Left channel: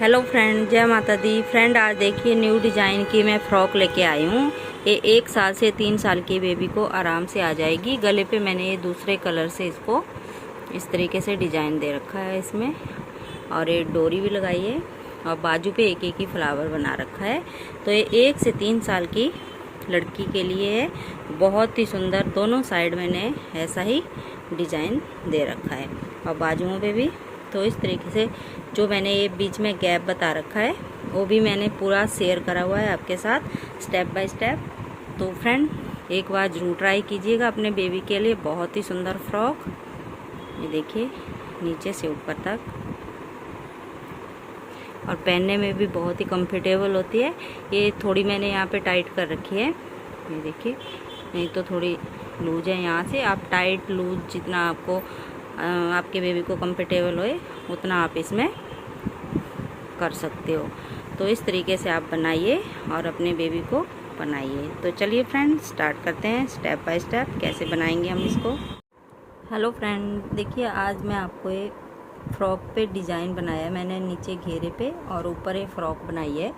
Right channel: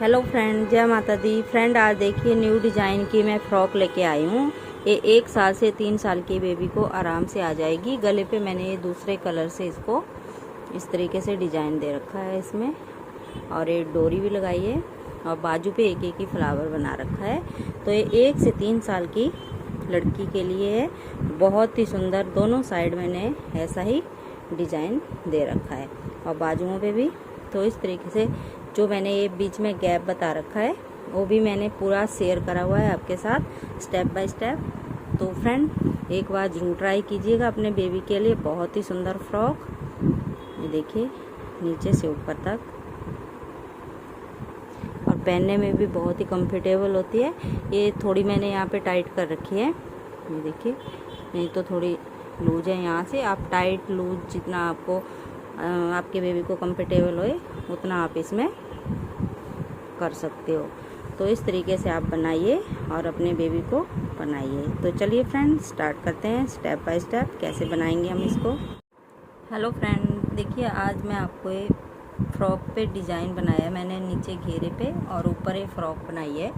Hello friend, जय माता दी। Friend, आज देखिए न्यू डिज़ाइन की मैं फ़्रॉक लेके आई हूँ। ये 1 साल से 3 साल की बेबी को आराम से आ जाएगी। गले पे मैंने ये दूसरे कलर से इसको इस तरीके से डिज़ाइन दे रखा है इसमें, और ये डोरी भी लगाई है और बाजू पे एक एक ही फ्लावर बना रखा है। तो ये 1 से 3 साल की लड़की के लिए है। बहुत ही सुंदर, दोनों साइड मैंने ऐसा ही डिज़ाइन दे रखा है और बाजुओं पे भी। तो इस तरीके से जो मैंने ये बीच में गैप बता रखा है वो भी मैंने पूरा शेयर करा हुआ है आपके साथ स्टेप बाय स्टेप। तो फ्रेंड, एक बार ज़रूर ट्राई कीजिएगा अपने बेबी के लिए। बहुत ही सुंदर फ्रॉक, ये देखिए नीचे से ऊपर तक, और पहनने में भी बहुत ही कंफर्टेबल होती है। ये थोड़ी मैंने यहाँ पे टाइट कर रखी है, ये देखिए, नहीं तो थोड़ी लूज है। यहाँ से आप टाइट लूज जितना आपको आपके बेबी को कंफर्टेबल होए उतना आप इसमें कर सकते हो। तो इस तरीके से आप बनाइए और अपने बेबी को बनाइए। तो चलिए फ्रेंड, स्टार्ट करते हैं स्टेप बाय स्टेप कैसे बनाएंगे हम इसको। हेलो फ्रेंड, देखिए आज मैं आपको एक फ्रॉक पे डिज़ाइन बनाया है मैंने, नीचे घेरे पे और ऊपर एक फ्रॉक बनाई है।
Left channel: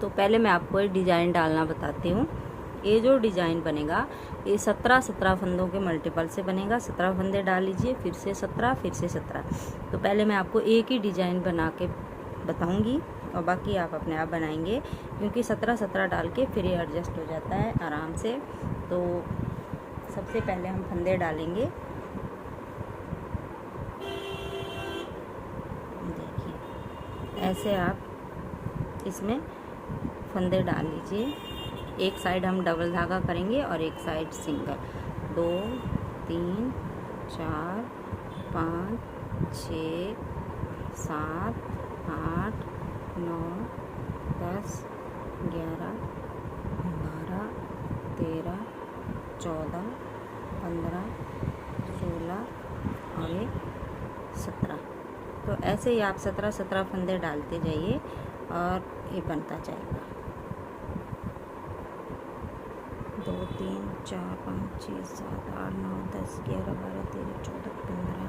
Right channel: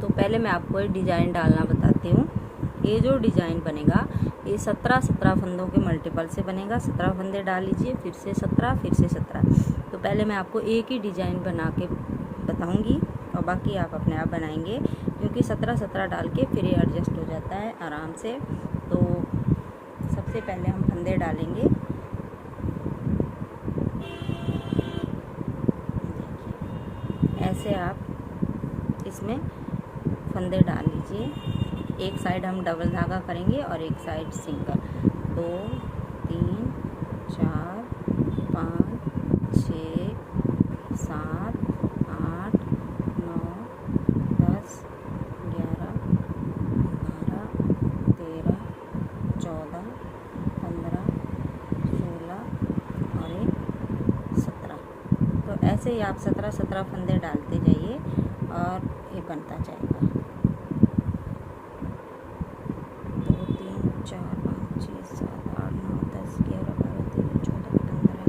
तो पहले मैं आपको ये डिज़ाइन डालना बताती हूँ। ये जो डिज़ाइन बनेगा ये 17 फंदों के मल्टीपल से बनेगा। 17 फंदे डाल लीजिए, फिर से 17, फिर से 17। तो पहले मैं आपको एक ही डिज़ाइन बना के बताऊंगी और बाकी आप अपने आप बनाएंगे, क्योंकि 17 डाल के फिर ये एडजस्ट हो जाता है आराम से। तो सबसे पहले हम फंदे डालेंगे। ऐसे आप इसमें फंदे डाल लीजिए। एक साइड हम डबल धागा करेंगे और एक साइड सिंगल। 2 3 4 5 6 7 8 9 10 11 12 13 14 15 16 और एक 17। तो ऐसे ही आप 17 फंदे डालते जाइए और ये बनता जाएगा। 2 3 4 5 6 7 8 9 10 11 12 13 14 15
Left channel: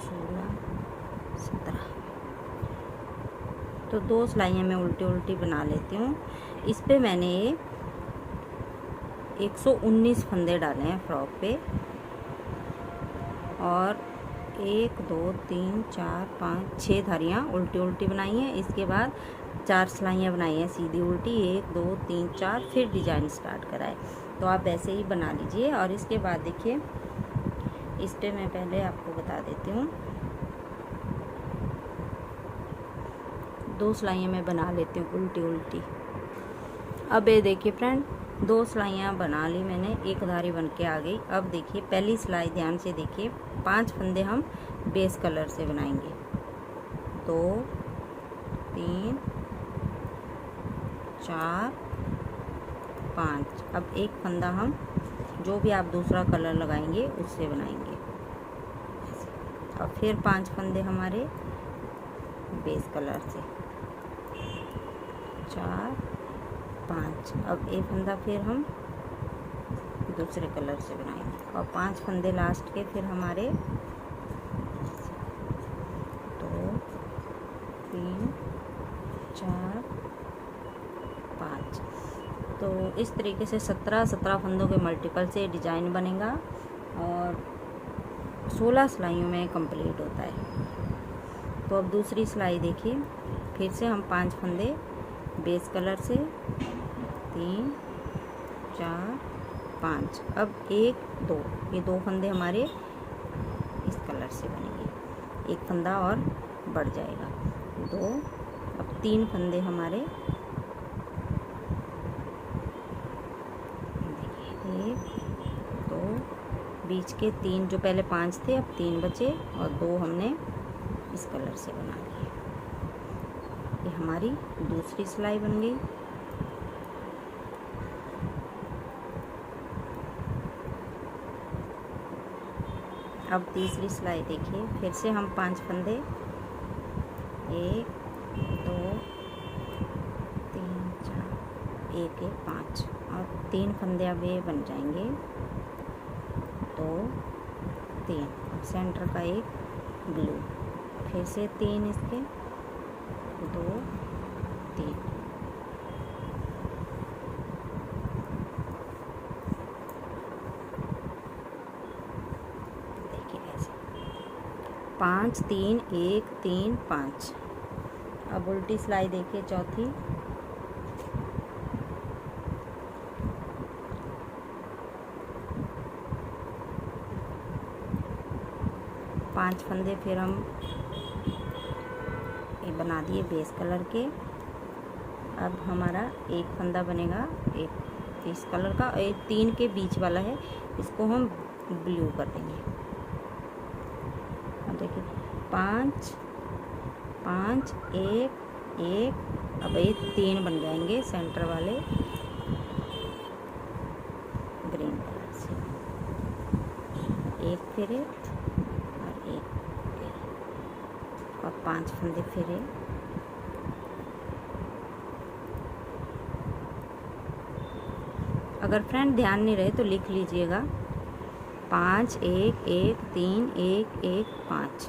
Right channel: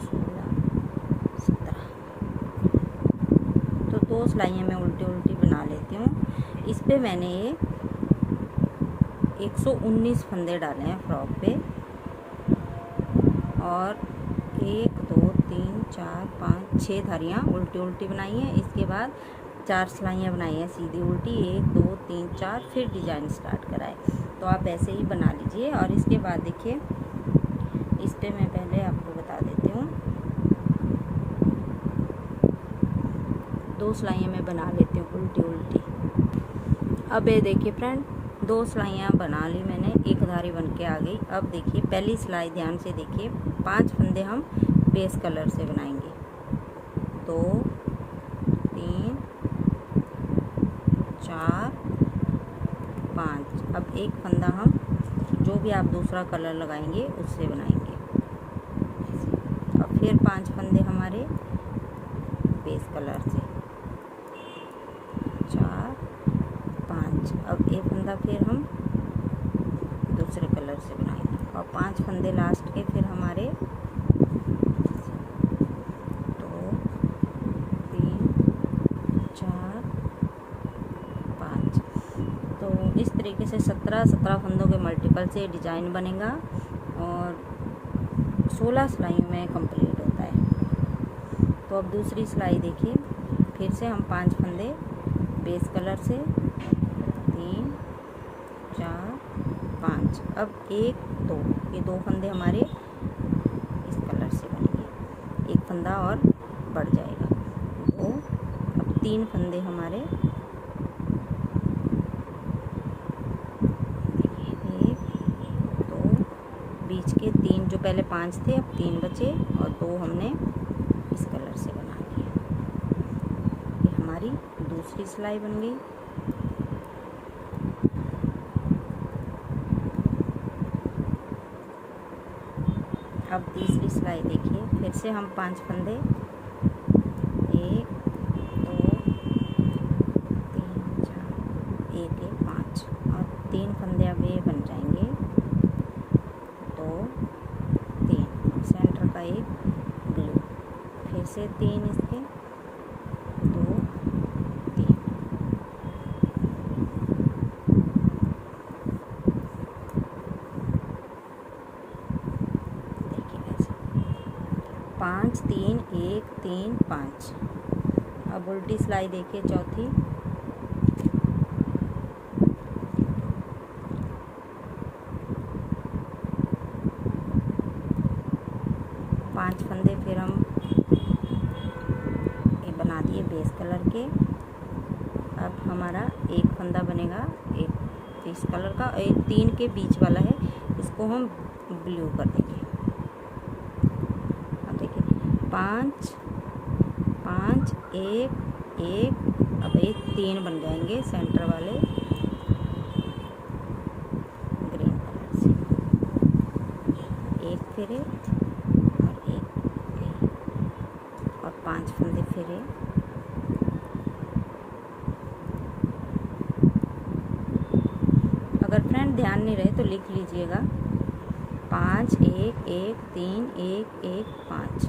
16 17। तो 2 सिलाइयाँ मैं उल्टी उल्टी बना लेती हूँ। इस पे मैंने 119 फंदे डाले हैं फ्रॉक पे, और 1 2 3 4 5 6 धारियाँ उल्टी उल्टी बनाई हैं। इसके बाद 4 सिलाइयाँ बनाई हैं सीधी उल्टी, 1 2 3 4, फिर डिज़ाइन स्टार्ट कराए। तो आप ऐसे ही बना लीजिए। और इसके बाद देखिए, इस पे मैं पहले आपको बता देती हूँ, 2 सिलाइयाँ मैं बना लेती हूँ उल्टी उल्टी। अब ये देखिए फ्रेंड, 2 सिलाइयाँ बना ली मैंने, एक धारी बन के आ गई। अब देखिए पहली सिलाई ध्यान से देखिए, 5 फंदे हम बेस कलर से बनाएंगे। 2 3 4 5। अब एक फंदा हम जो भी आप दूसरा कलर लगाएंगे उससे बनाएंगे ऐसे। अब फिर 5 फंदे हमारे बेस कलर से, 4 5। अब एक फंदा फिर हम दूसरे कलर से बनाएंगे और 5 फंदे लास्ट के फिर हमारे 2 3 4 5। तो इस तरीके से 17 फंदों के मल्टीपल से डिज़ाइन बनेगा और 16 सिलाइयों में कंप्लीट होता है। तो अब दूसरी सिलाई देखिए, फिर से हम 5 फंदे बेस कलर से, 3 4 5। अब 1 2, ये 2 फंदे हमारे इस कलर से बनेंगे, एक फंदा और बढ़ जाएगा 2। अब 3 फंदे हमारे, देखिए 1 2, बीच के 3 जो पहले 5 थे अब 3 बचे और 2 हमने इस कलर से बना लिए। ये हमारी दूसरी सिलाई बन गई। अब तीसरी सिलाई देखिए, फिर से हम 5 फंदे, 1 2 3 4 1 1 5 और 3 फंदे अब ये बन जाएंगे, 2 3, सेंटर का एक ब्लू, फिर से 3 इसके, 2 3, देखिए कैसे 5 3 1 3 5। अब उल्टी सिलाई देखिए चौथी, पांच फंदे फिर हम ये बना दिए बेस कलर के। अब हमारा एक फंदा बनेगा एक इस कलर का, एक 3 के बीच वाला है, इसको हम ब्लू कर देंगे। अब देखिए 5 5 1 1, अब ये 3 बन जाएंगे सेंटर वाले ग्रीन कलर से, एक फिरे और एक और 5 फंदे फिरे। अगर फ्रेंड ध्यान नहीं रहे तो लिख लीजिएगा 5 1 1 3 1 1 5।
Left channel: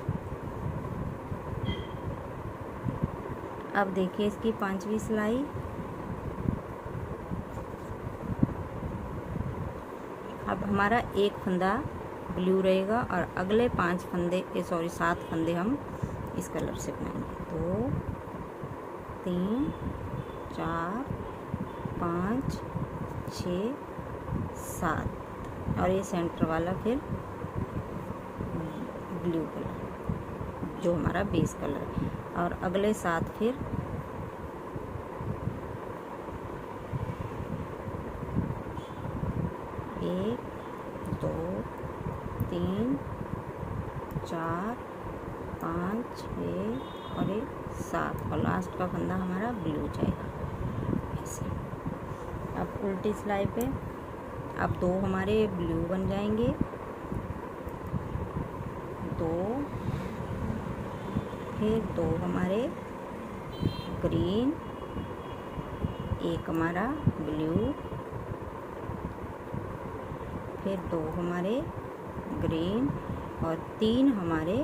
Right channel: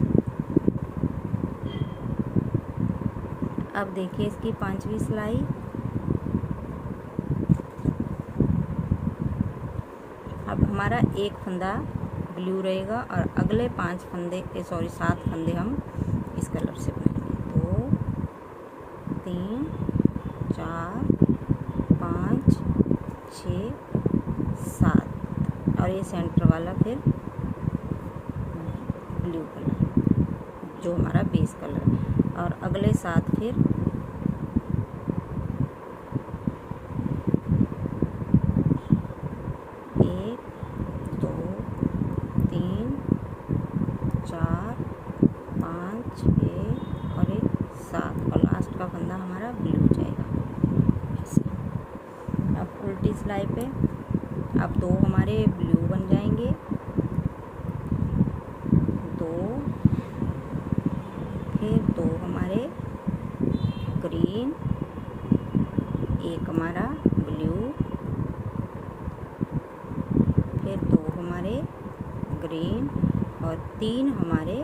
अब देखिए इसकी 5वीं सिलाई, अब हमारा एक फंदा ब्लू रहेगा और अगले 5 फंदे 7 फंदे हम इस कलर से बनाएंगे। 2 3 4 5 6 7 और ये सेंटर वाला फिर ब्लू कलर जो हमारा बेस कलर है, और अगले 7 फिर 1 2 3 4 5 6 और 7 और लास्ट का फंदा हमारा ब्लू जाएगा ऐसे। अब उल्टी सिलाई पे अब 2 हमारे ब्लू बन जाएंगे, 2 फिर 2 हमारे ग्रीन, एक हमारा ब्लू, फिर 2 हमारे ग्रीन और 3 हमारे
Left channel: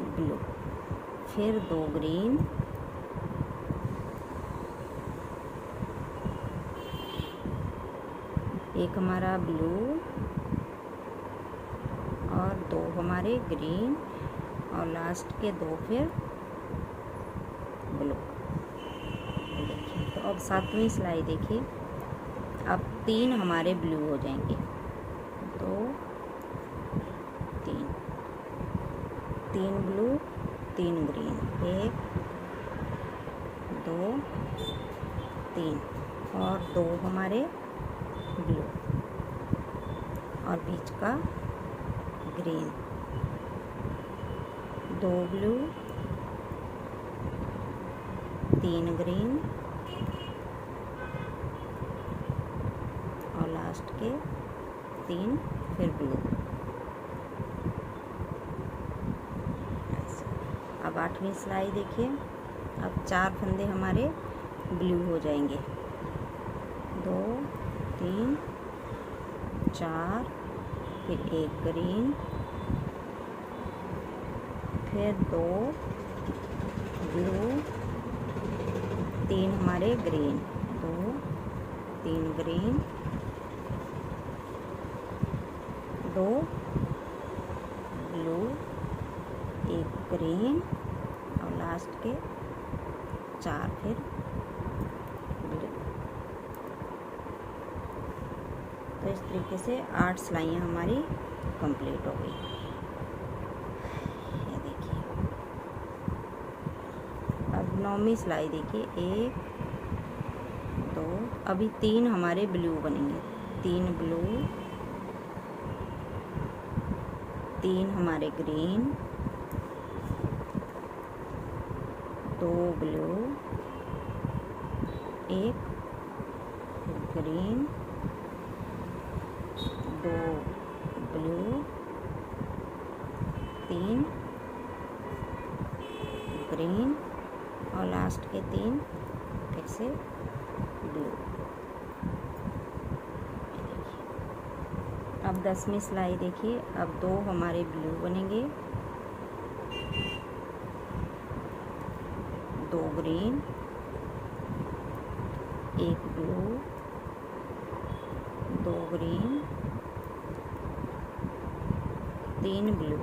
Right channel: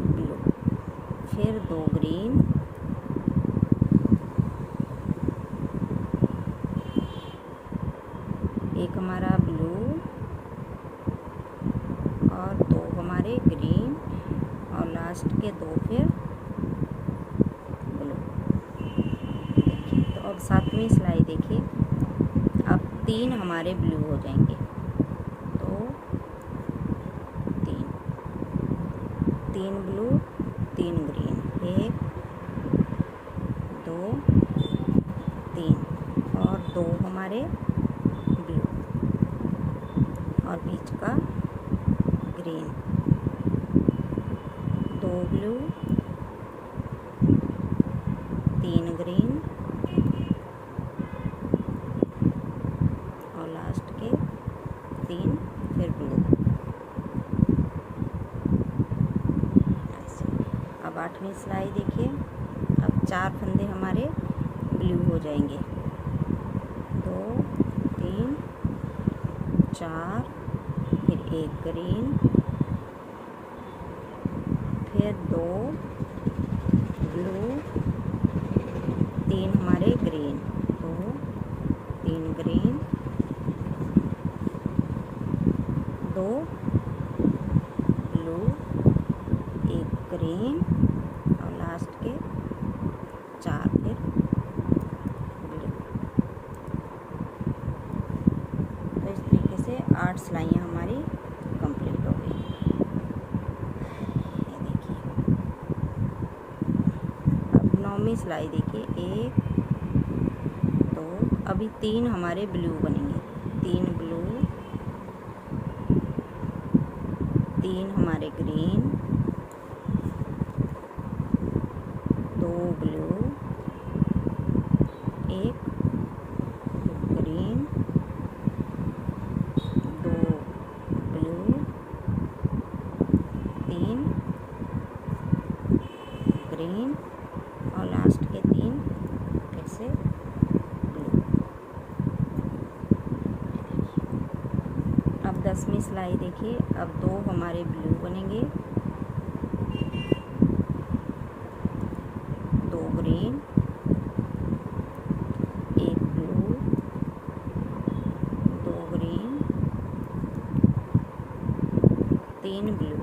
ब्लू, फिर 2 ग्रीन, एक हमारा ब्लू और 2 हमारे ग्रीन और लास्ट के 2 फिर ब्लू। तो अब 7वीं सिलाई देखिए, अब 3 हमारे ब्लू हो जाएंगे, 2 3 3 ब्लू 3 ग्रीन, 1 2 3 और 2 हमारे ब्लू और बीच का ग्रीन, 2 ब्लू 3 ग्रीन और लास्ट के 3 फिर ब्लू। अब 8वीं सिलाई देखिए, अब 4 फंदे हमारे ब्लू हो जाएंगे, 2 3 4 फिर 1 ग्रीन, फिर 2 ब्लू 3 हमारे ग्रीन, 2 3 ग्रीन, 2 ब्लू 1 ग्रीन और लास्ट के 4 फिर ब्लू। तो इस तरीके से 8 सिलाइयाँ हमारी कंप्लीट हो गई। ये देखिए अब 9वीं सिलाई देखिए, 1 2 अभी 3 हमारे ब्लू बनेंगे, 3 ब्लू 3 हमारे green, 2 blue 1 green, 2 blue 3 green और लास्ट के 3 फिर से ब्लू। अब अब 10वीं सिलाई देखिए, अब 2 हमारे ब्लू बनेंगे, 2 ग्रीन, 1 ब्लू, 2 ग्रीन, 3 ब्लू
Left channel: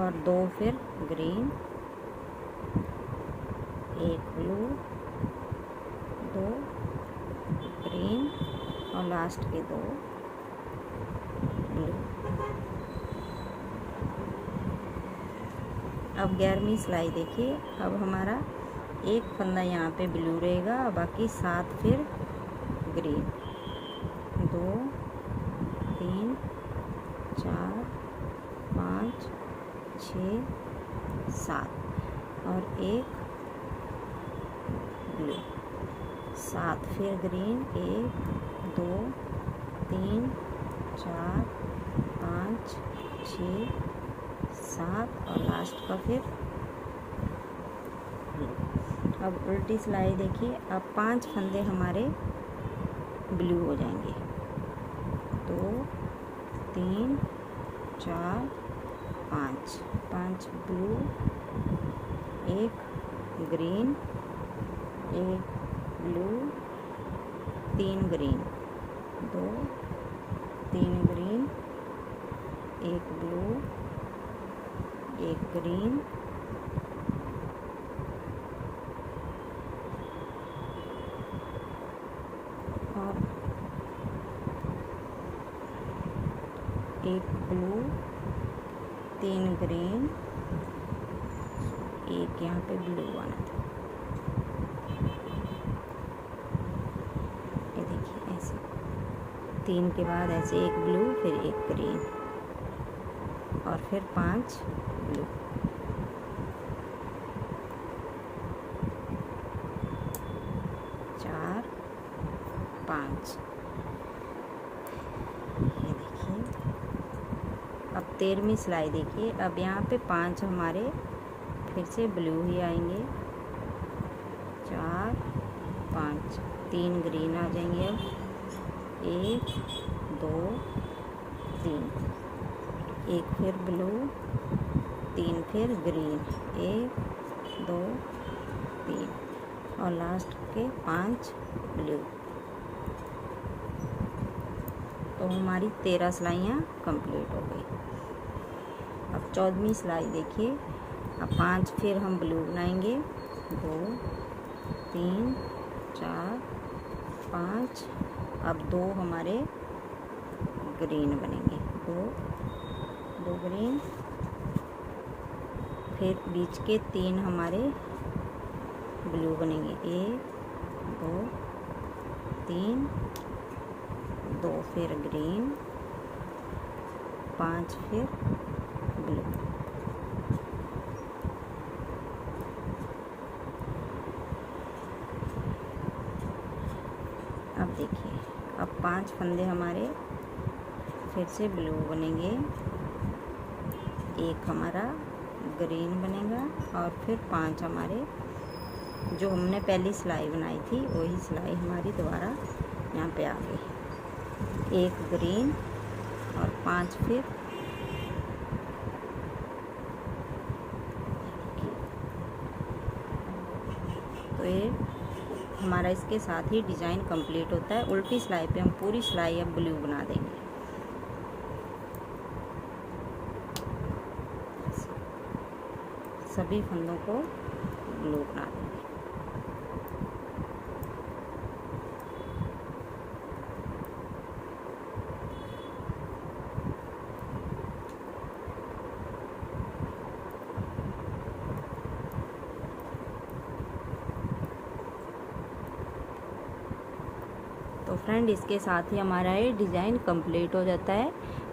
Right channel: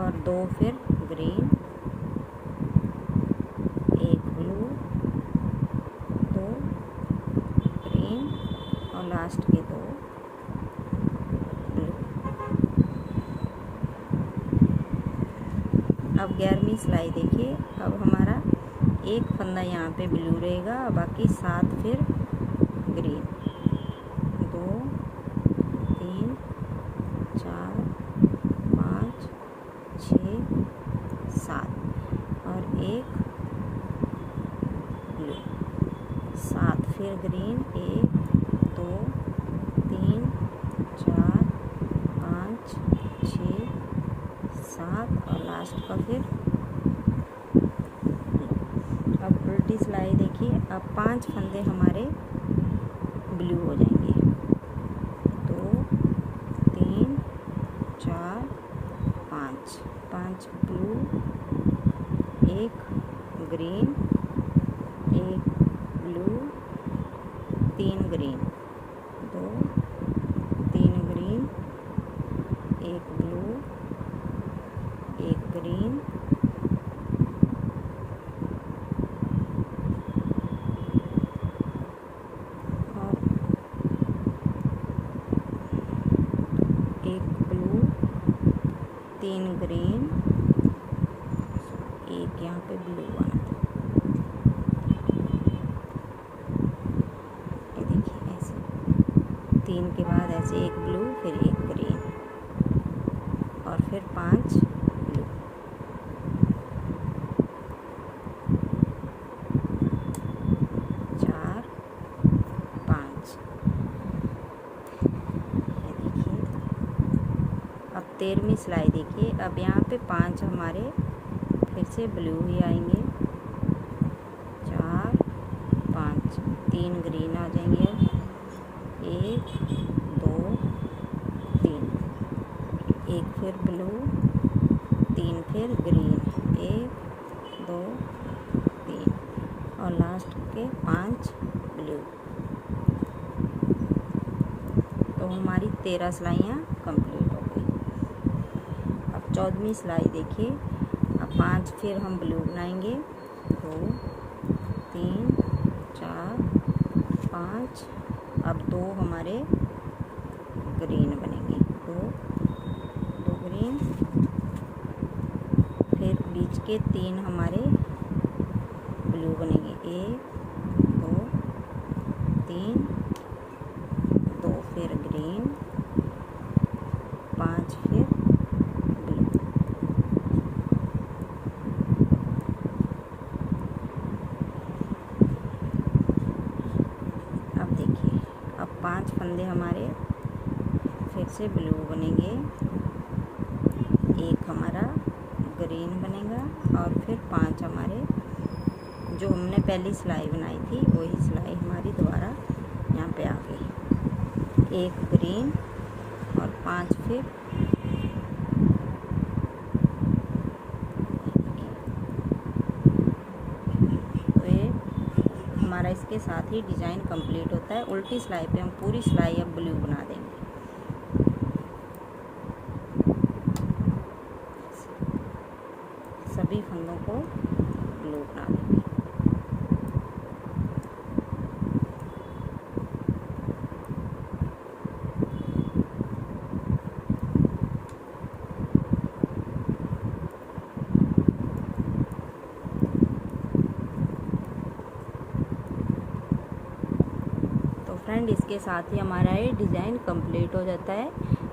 और 2 फिर ग्रीन, 1 ब्लू, 2 ग्रीन और लास्ट के 2 ब्लू। अब 11वीं सिलाई देखिए, अब हमारा एक फंदा यहाँ पे ब्लू रहेगा, बाकी 7 फिर ग्रीन, 2 3 4 5 6 7 और 1 ब्लू, 7 फिर ग्रीन, 1 2 3 4 5 6 7 और लास्ट का फिर ब्लू। अब उल्टी सिलाई देखिए, अब 5 फंदे हमारे ब्लू हो जाएंगे, 2 3 4 5, 5 blue, 1 green, 1 blue, 3 green, 2 3 green, 1 blue, 1 green, और 1 ब्लू, 3 ग्रीन, 1 यहाँ पे ब्लू आना था। ये देखिए ऐसे 3 के बाद ऐसे 1 ब्लू, फिर 1 ग्रीन और फिर 5 ब्लू। चार 5। ये देखिए, अब 13वीं सिलाई देखिए, अब यहाँ पे 5 हमारे फिर से ब्लू ही आएंगे, 4 5, 3 ग्रीन आ जाएंगे, अब 1 2 3, 1 फिर ब्लू, 3 फिर ग्रीन, 1 2 3 और लास्ट के 5 ब्लू। तो हमारी 13 सिलाइयाँ कंप्लीट हो गई। अब 14वीं सिलाई देखिए, अब 5 फिर हम ब्लू बनाएंगे, 2 3 4 5, अब 2 हमारे ग्रीन बनेंगे, 2 ग्रीन, फिर बीच के 3 हमारे ब्लू बनेंगे, 1 2 3, 2 फिर ग्रीन, 5 फिर ब्लू। अब देखिए, अब 5 फंदे हमारे फिर से ब्लू बनेंगे, 1 हमारा ग्रीन बनेगा और फिर 5 हमारे जो हमने पहली सिलाई बनाई थी वही सिलाई हमारी दोबारा यहाँ पे आ गई, 1 ग्रीन और 5 फिर तो ये हमारा इसके साथ ही डिज़ाइन कंप्लीट होता है। उल्टी सिलाई पे हम पूरी सिलाई अब ब्लू बना देंगे। सभी फंदों को ब्लू बना देंगे। तो फ्रेंड, इसके साथ ही हमारा ये डिज़ाइन कंप्लीट हो जाता है।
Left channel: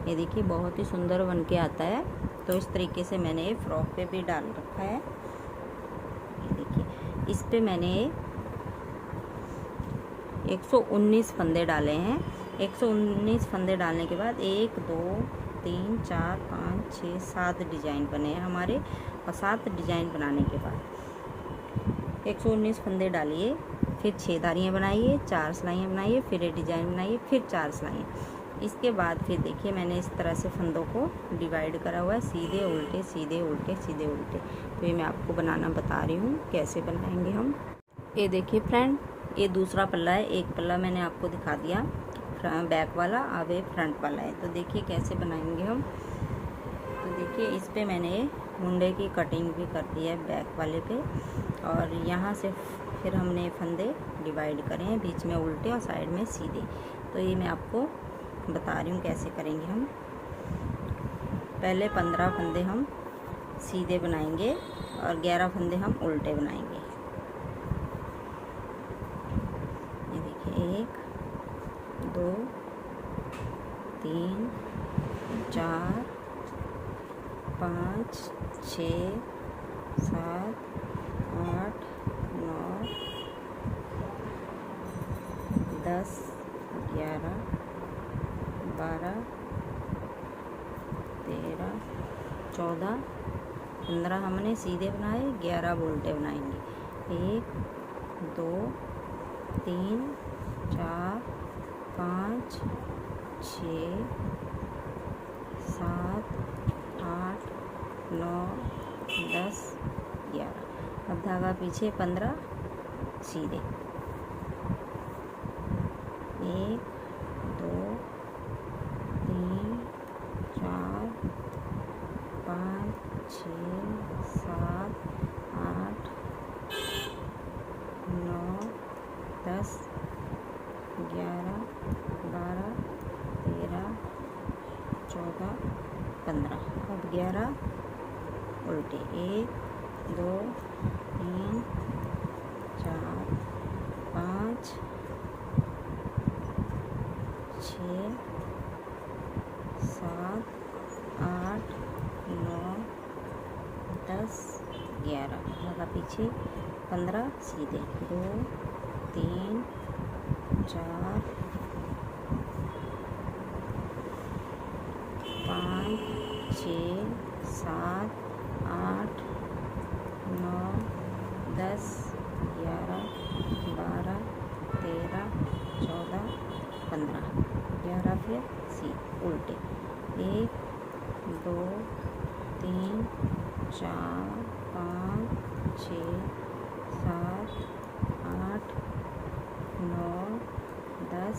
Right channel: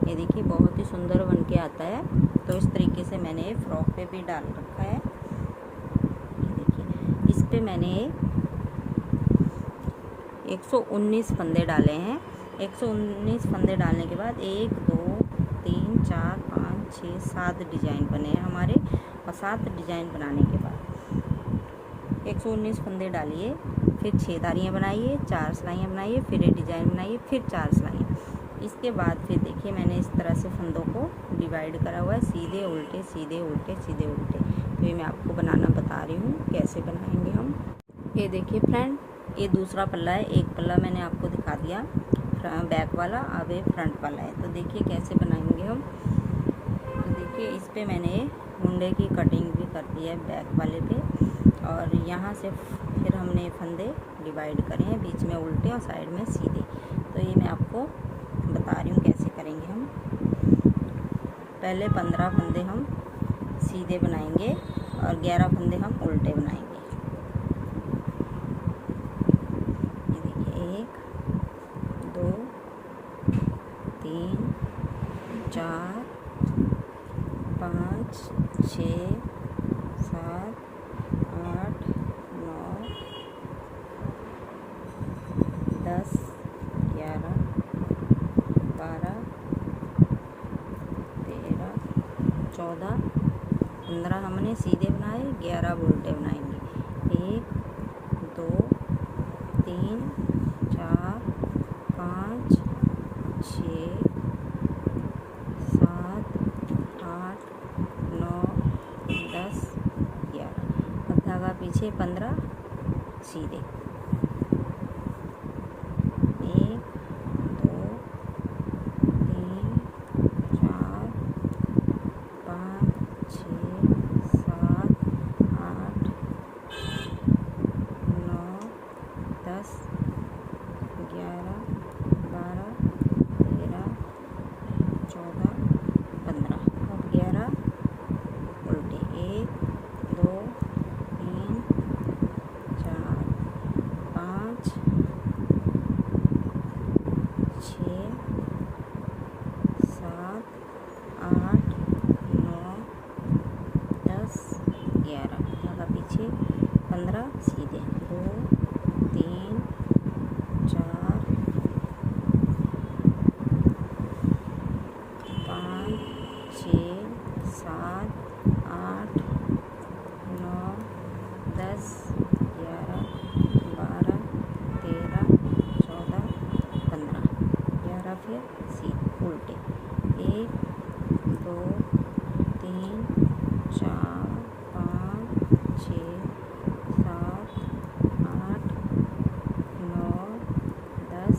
ये देखिए बहुत ही सुंदर बन के आता है। तो इस तरीके से मैंने ये फ्रॉक पे भी डाल रखा है। ये देखिए, इस पे मैंने 119 फंदे डाले हैं। 119 फंदे डालने के बाद 1 2 3 4 5 6 7 डिज़ाइन बने हैं हमारे। और 7 डिज़ाइन बनाने के बाद 119 फंदे डालिए, फिर 6 धारियाँ बनाइए, 4 सिलाइयाँ बनाइए, फिर ये डिजाइन बनाइए, फिर 4 सिलाइयाँ। इसके बाद फिर देखिए मैंने इस तरह से फंदों को डिवाइड करा हुआ है, सीधे उल्टे सीधे उल्टे सीधे उल्टे। तो ये मैं आपको बनाना बता रही हूँ कैसे बनाएंगे हम। ये देखिए फ्रेंड, ये दूसरा पल्ला है। एक पल्ला मैंने आपको दिखा दिया बैक वाला, अब ये फ्रंट वाला है। तो देखिए कैसे बनाएंगे हम। तो देखिए इस पे मैंने मुंडे की कटिंग भी कर दी है बैक वाले पे, और यहाँ से फिर हमने फंदे डिवाइड करे हैं, बीच में उल्टे और साइड में सीधे। तो ये मैं आपको बता रही हूँ कैसे करेंगे हम। पहले 15 फंदे हम सीधे बनाएंगे और 11 फंदे हम उल्टे बनाएंगे। ये देखिए 1 2 3 4 5 6 7 8 9 10 11 12 13 14 15 हमने सीधे बनाए, 11 उल्टे बनाएंगे। 1 2 3 4 5 6 7 8 9 10 11। अब धागा पीछे 15 सीधे। 1 2 3 4 5 6 7 8 9 10 11 12 13 14 15। अब 11 उल्टे। 1 2 3 4 5 6 7 8 9 10 11। लगा पीछे 15 सीधे। 2 3 4 5 6 7 8 9 10 11 12 13 14 15। 11 फिर सीधे उल्टे। 1 2 3 4 5 6 7 8 9 10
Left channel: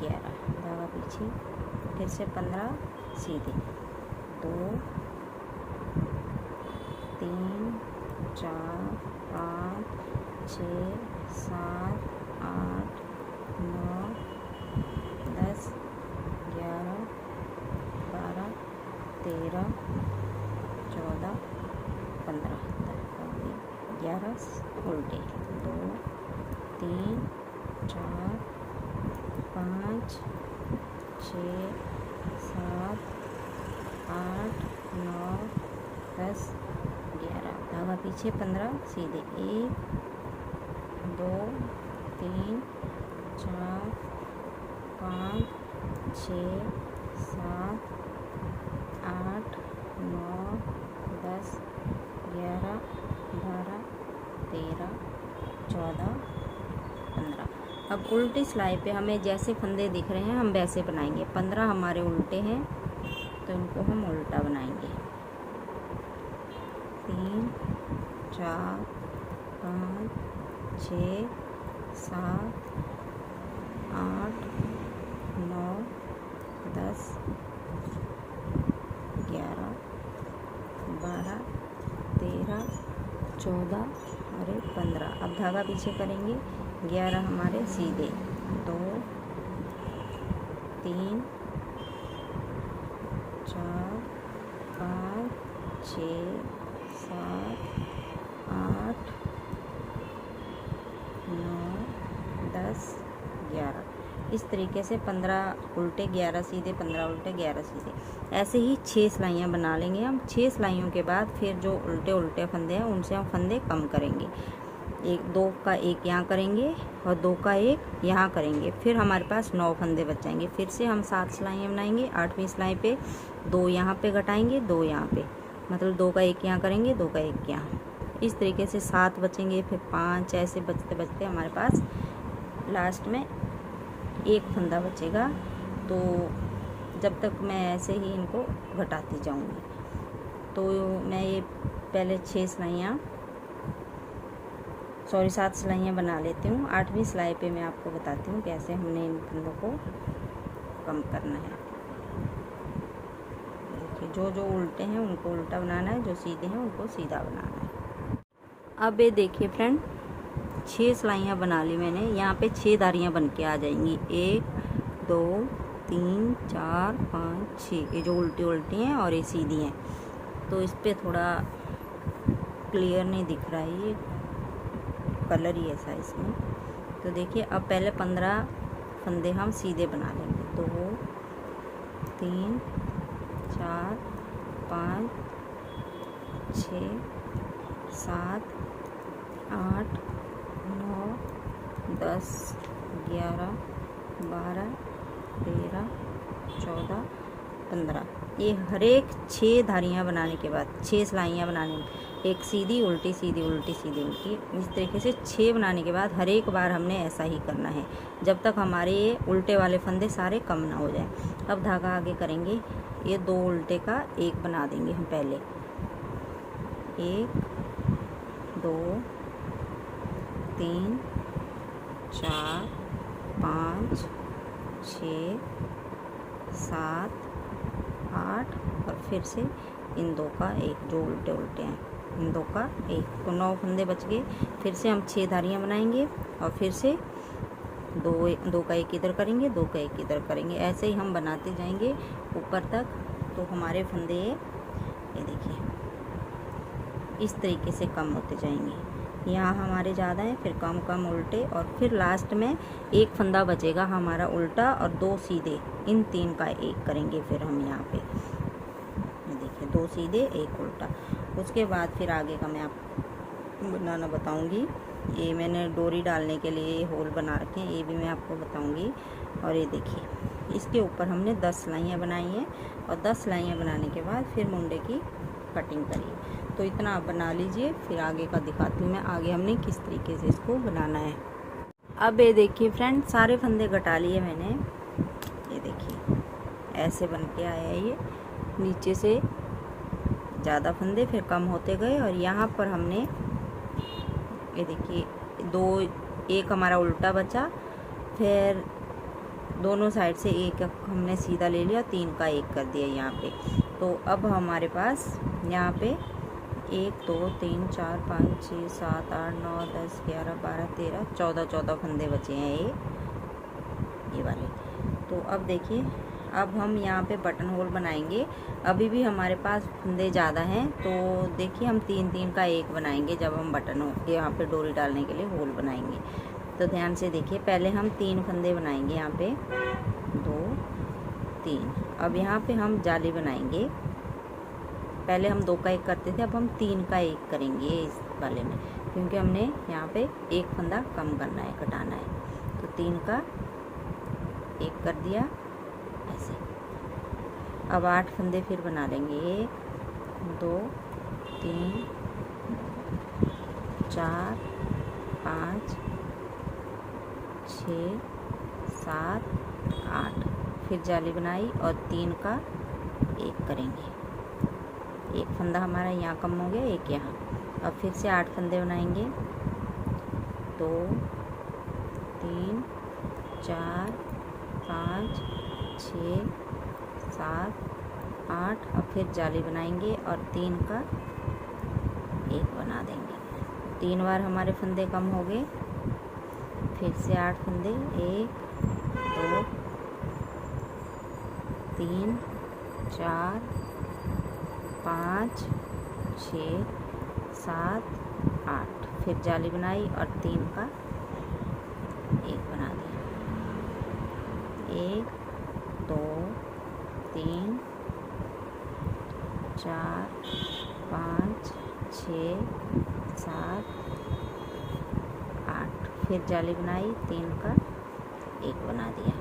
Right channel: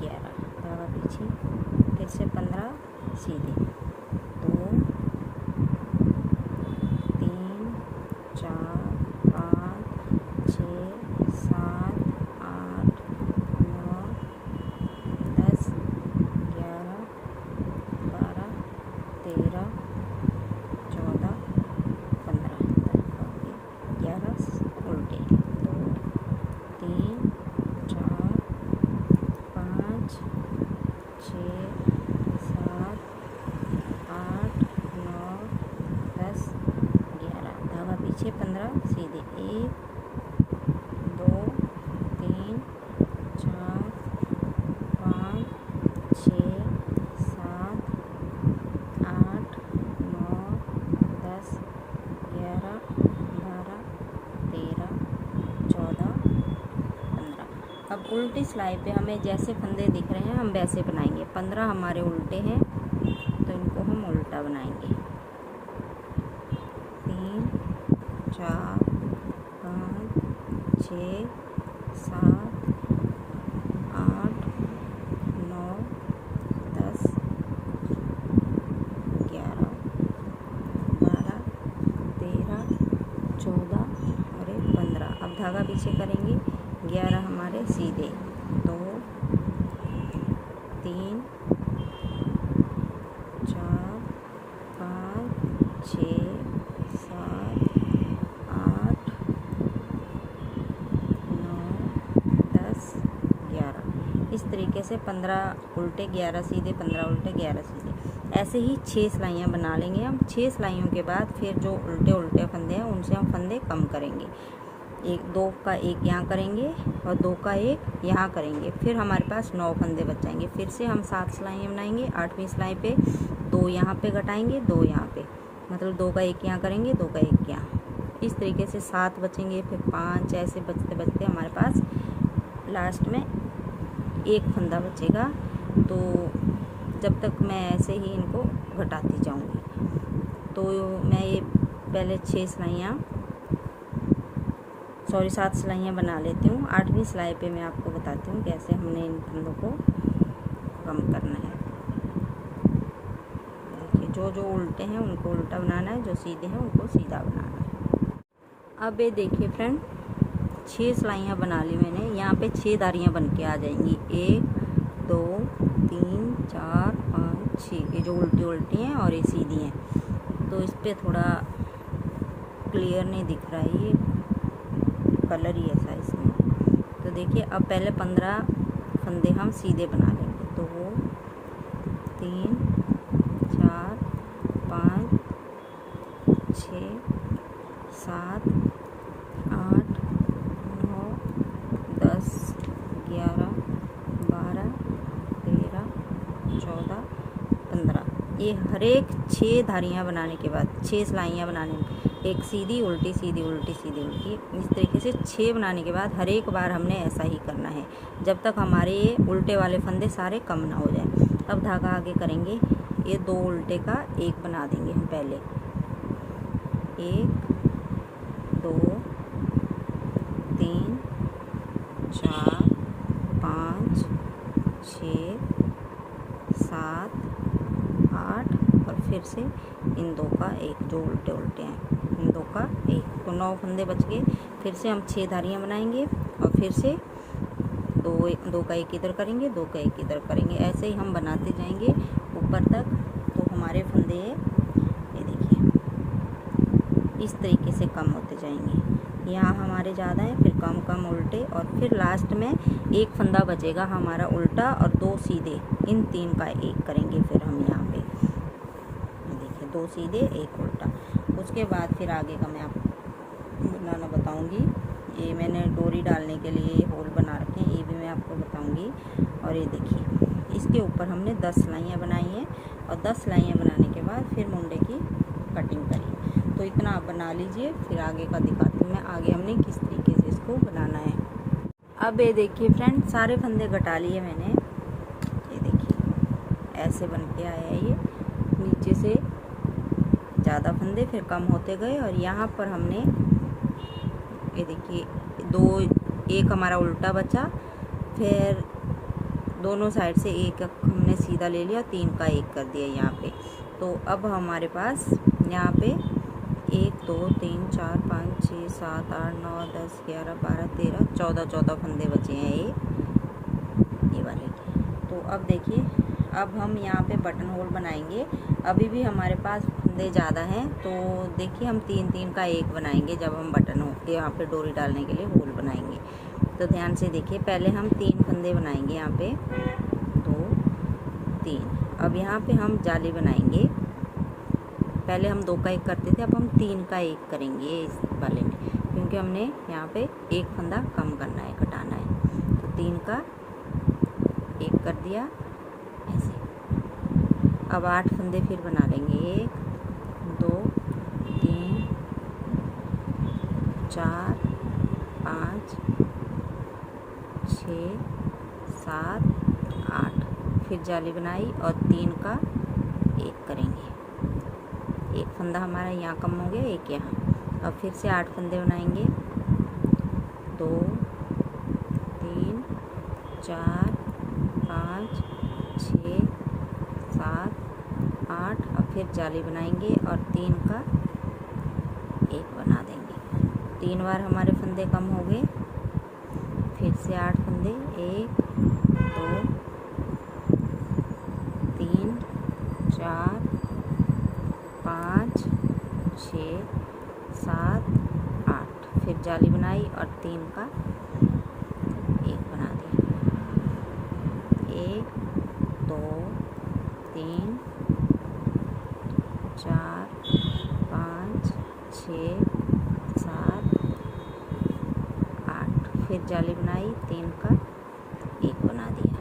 11। धागा पीछे फिर से 15 सीधे। 2 3 4 5 6 7 8 9 10 11 12 13 14 15। 11 उल्टे। 2 3 4 5 6 7 8 9 10 11। धागा पीछे 15 सीधे। 1 2 3 4 5 6 7 8 9 10 11 12 13 14 15। अब उल्टी सिलाई पे हमें जैसे फंदे दिख रहे हैं हम वैसे बनाएंगे। 15 हमारे उल्टे हैं तो इनको हम उल्टा बनाएंगे। 3 4 5 6 7 8 9 10 11 12 13 14 और 15। अब धागा पीछे करेंगे। 11 हमारे सीधे। 2 3 4 5 6 7 8 9 10 11। इस तरीके से 15 उल्टे 11 सीधे, 15 उल्टे 11 सीधे। ऐसे ही 6 सिलाइयाँ बना लेंगे हम। 6 सिलाइयों के बाद फिर जो उल्टे उल्टे फंदे हैं उनसे हम फंदे कम करेंगे। 2 का 1 यहाँ करेंगे और 2 का 1 यहाँ करेंगे। फिर हमारे पास 9 फंदे बच जाएंगे। फिर से हम 7 सिलाइयाँ बनाएंगे। 8वीं सिलाई पे 2 यहाँ पे घटाएंगे, 2 यहाँ पे, मतलब 2 का 1 यहाँ करेंगे, 2 का 1 यहाँ। इस तरीके से 7 बचेंगे, फिर 5, ऐसे बचते बचते हमारे पास लास्ट में एक फंदा बचेगा। तो जब तक मैं ऐसे ही इनको घटाती जाऊंगी। तो मैं ये पहले 7 सिलाइयाँ बना लेती हूँ। 8वीं सिलाई पे मैं आपको बताती हूँ कैसे हमने इन फंदों को कम करना है। देखिए, जो उल्टे हैं उनको उल्टा बनाना है, जो सीधे हैं उनको सीधा बनाना है। अब ये देखिए फ्रेंड, 6 सिलाइयाँ बना ली मैंने। यहाँ पे 6 धारियाँ बन के आ जाएंगी। 1 2 3 4 5 6, ये जो उल्टी हैं और ये सीधी हैं। तो इस पे थोड़ा क्लियर नहीं दिख रहा है, ये कलर ही ऐसा इसमें। तो देखिए, अब पहले 15 फंदे हम सीधे बना लेंगे। 2 3 4 5 6 7 8 9 10 11 12 13 14 15। ये हर एक 6 धारियाँ बनाने के बाद, 6 सिलाइयाँ बनाने में, एक सीधी उल्टी सीधी उल्टी सीधी उल्टी, इस तरीके से 6 बनाने के बाद हर एक बार हमने ऐसा ही करना है जब तक हमारे ये उल्टे वाले फंदे सारे कम ना हो जाए। अब धागा आगे करेंगे। ये 2 उल्टे का एक बना देंगे हम पहले। 1 2 3 4 5 6 7 8 और फिर से इन 2 का एक, जो उल्टे हैं इन 2 का एक, तो 9 फंदे बच गए। फिर से हम 6 धारियाँ बनाएंगे और फिर से 2 का एक इधर करेंगे, 2 का एक इधर करेंगे। ऐसे ही हम बनाते जाएंगे ऊपर तक। तो हमारे फंदे ये देखिए इस तरीके से कम होते जाएंगे। यहाँ हमारे ज़्यादा हैं, फिर कम कम उल्टे, और फिर लास्ट में एक फंदा बचेगा हमारा उल्टा और 2 सीधे। इन 3 का एक करेंगे फिर हम यहाँ पे। देखिए, 2 सीधे 1 उल्टा। उसके बाद फिर आगे का मैं आपको बनाना बताऊंगी। ये मैंने डोरी डालने के लिए ये होल बना रखे हैं, ये भी मैं आपको बताऊंगी। और ये देखिए, इसके ऊपर हमने 10 सिलाइयाँ बनाई हैं और 10 सिलाइयाँ बनाने के बाद फिर मुंडे की कटिंग करी। तो इतना आप बना लीजिए, फिर आगे का दिखाती हूँ मैं, आगे हमने किस तरीके से इसको बनाना है। अब ये देखिए फ्रेंड, सारे फंदे घटा लिए मैंने। ये देखिए ऐसे बन के आया है ये। नीचे से ज़्यादा फंदे, फिर कम होते गए, और यहाँ पर हमने ये देखिए एक हमारा उल्टा बचा, फिर दोनों साइड से एक हमने सीधा ले लिया, 3 का एक कर दिया यहाँ पे। तो अब हमारे पास यहाँ पे 1 2 3 4 5 6 7 8 9 10 11 12 13 14 फंदे बचे हैं ये वाले। तो अब देखिए, अब हम यहाँ पे बटन होल बनाएंगे। अभी भी हमारे पास फंदे ज़्यादा हैं, तो देखिए हम 3 का एक बनाएंगे जब हम बटन हो यहाँ पे डोरी डालने के लिए होल बनाएंगे। तो ध्यान से देखिए, पहले हम 3 फंदे बनाएंगे यहाँ पे, 2 3। अब यहाँ पे हम जाली बनाएंगे। पहले हम 2 का एक करते थे, अब हम 3 का एक करेंगे इस वाले में, क्योंकि हमने यहाँ पे एक फंदा कम करना है, घटाना है। तो 3 का एक कर दिया ऐसे। अब 8 फंदे फिर बना लेंगे। 1 2 3 4 5 6 7 8। फिर जाली बनाई और 3 का एक करेंगे। एक फंदा हमारा यहाँ कम हो गया, एक यहाँ। अब फिर से 8 फंदे बनाएंगे। 2 3 4 5 6 7 8। अब फिर जाली बनाएंगे और 3 का एक बना देंगे। 3 बार हमारे फंदे कम हो गए। फिर से 8 फंदे, 1 2 3 4 5 6 7 8। फिर जाली बनाई और 3 का एक बना दिया। 1 2 3 4 5 6 7 8। फिर जाली बनाई, 3 का एक बना दिया।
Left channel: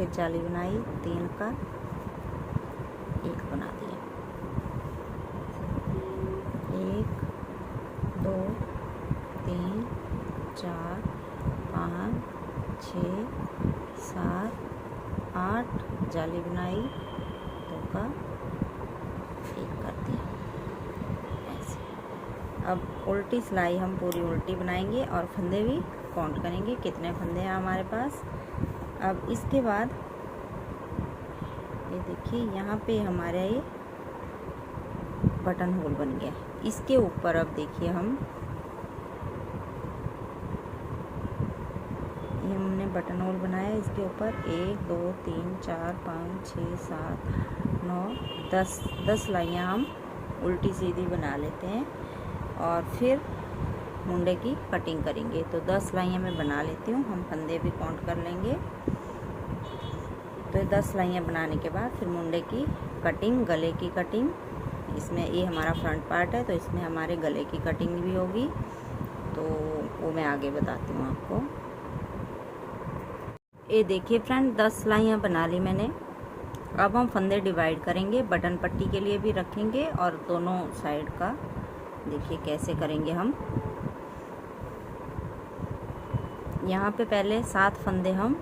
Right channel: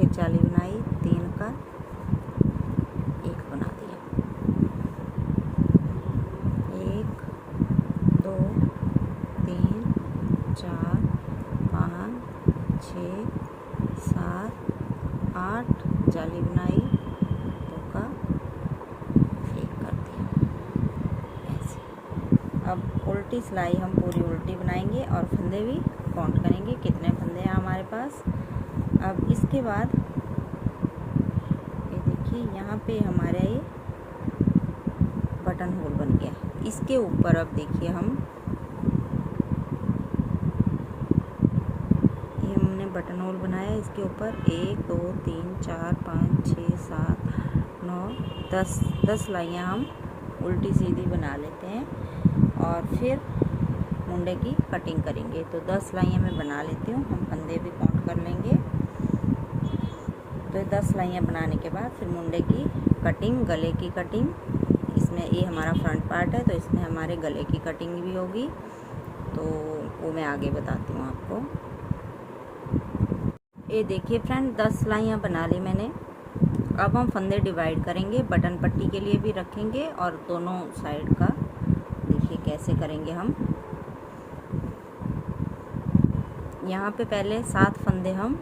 फिर जाली बनाई, 3 का 1 बना दिया, 1 2 3 4 5 6 7 8 जाली बनाई, 2 का 1 कर दिया ऐसे। अब उल्टी सिलाई हम पूरी उल्टी बनाएंगे और फंदे भी काउंट करेंगे कितने फंदे हैं हमारे पास। अब इसके बाद ये देखिए यहाँ पे हमारा ये बटन होल बन गया। इसके ऊपर अब देखिए ये हमने बटन होल बनाया, इसके ऊपर 1 2 3 4 5 6 7 9 10 सिलाइयाँ हम उल्टी सीधी बना लेते हैं और फिर मुंडे की कटिंग करेंगे। तो 10 सिलाइयाँ मैं बना लेती हूँ, हम फंदे भी काउंट कर लेंगे। तो 10 सिलाइयाँ बनाने के बाद फिर मुंडे की कटिंग, गले की कटिंग, इसमें ये हमारा फ्रंट पार्ट है तो इसमें हमारे गले की कटिंग भी होगी, तो वो मैं आगे बताती हूँ आपको। ये देखिए फ्रेंड 10 सिलाइयाँ बना ली मैंने। अब हम फंदे डिवाइड करेंगे, बटन पट्टी के लिए भी रखेंगे और दोनों साइड का देखिए कैसे करेंगे हम। यहाँ पे पहले 7 फंदे हम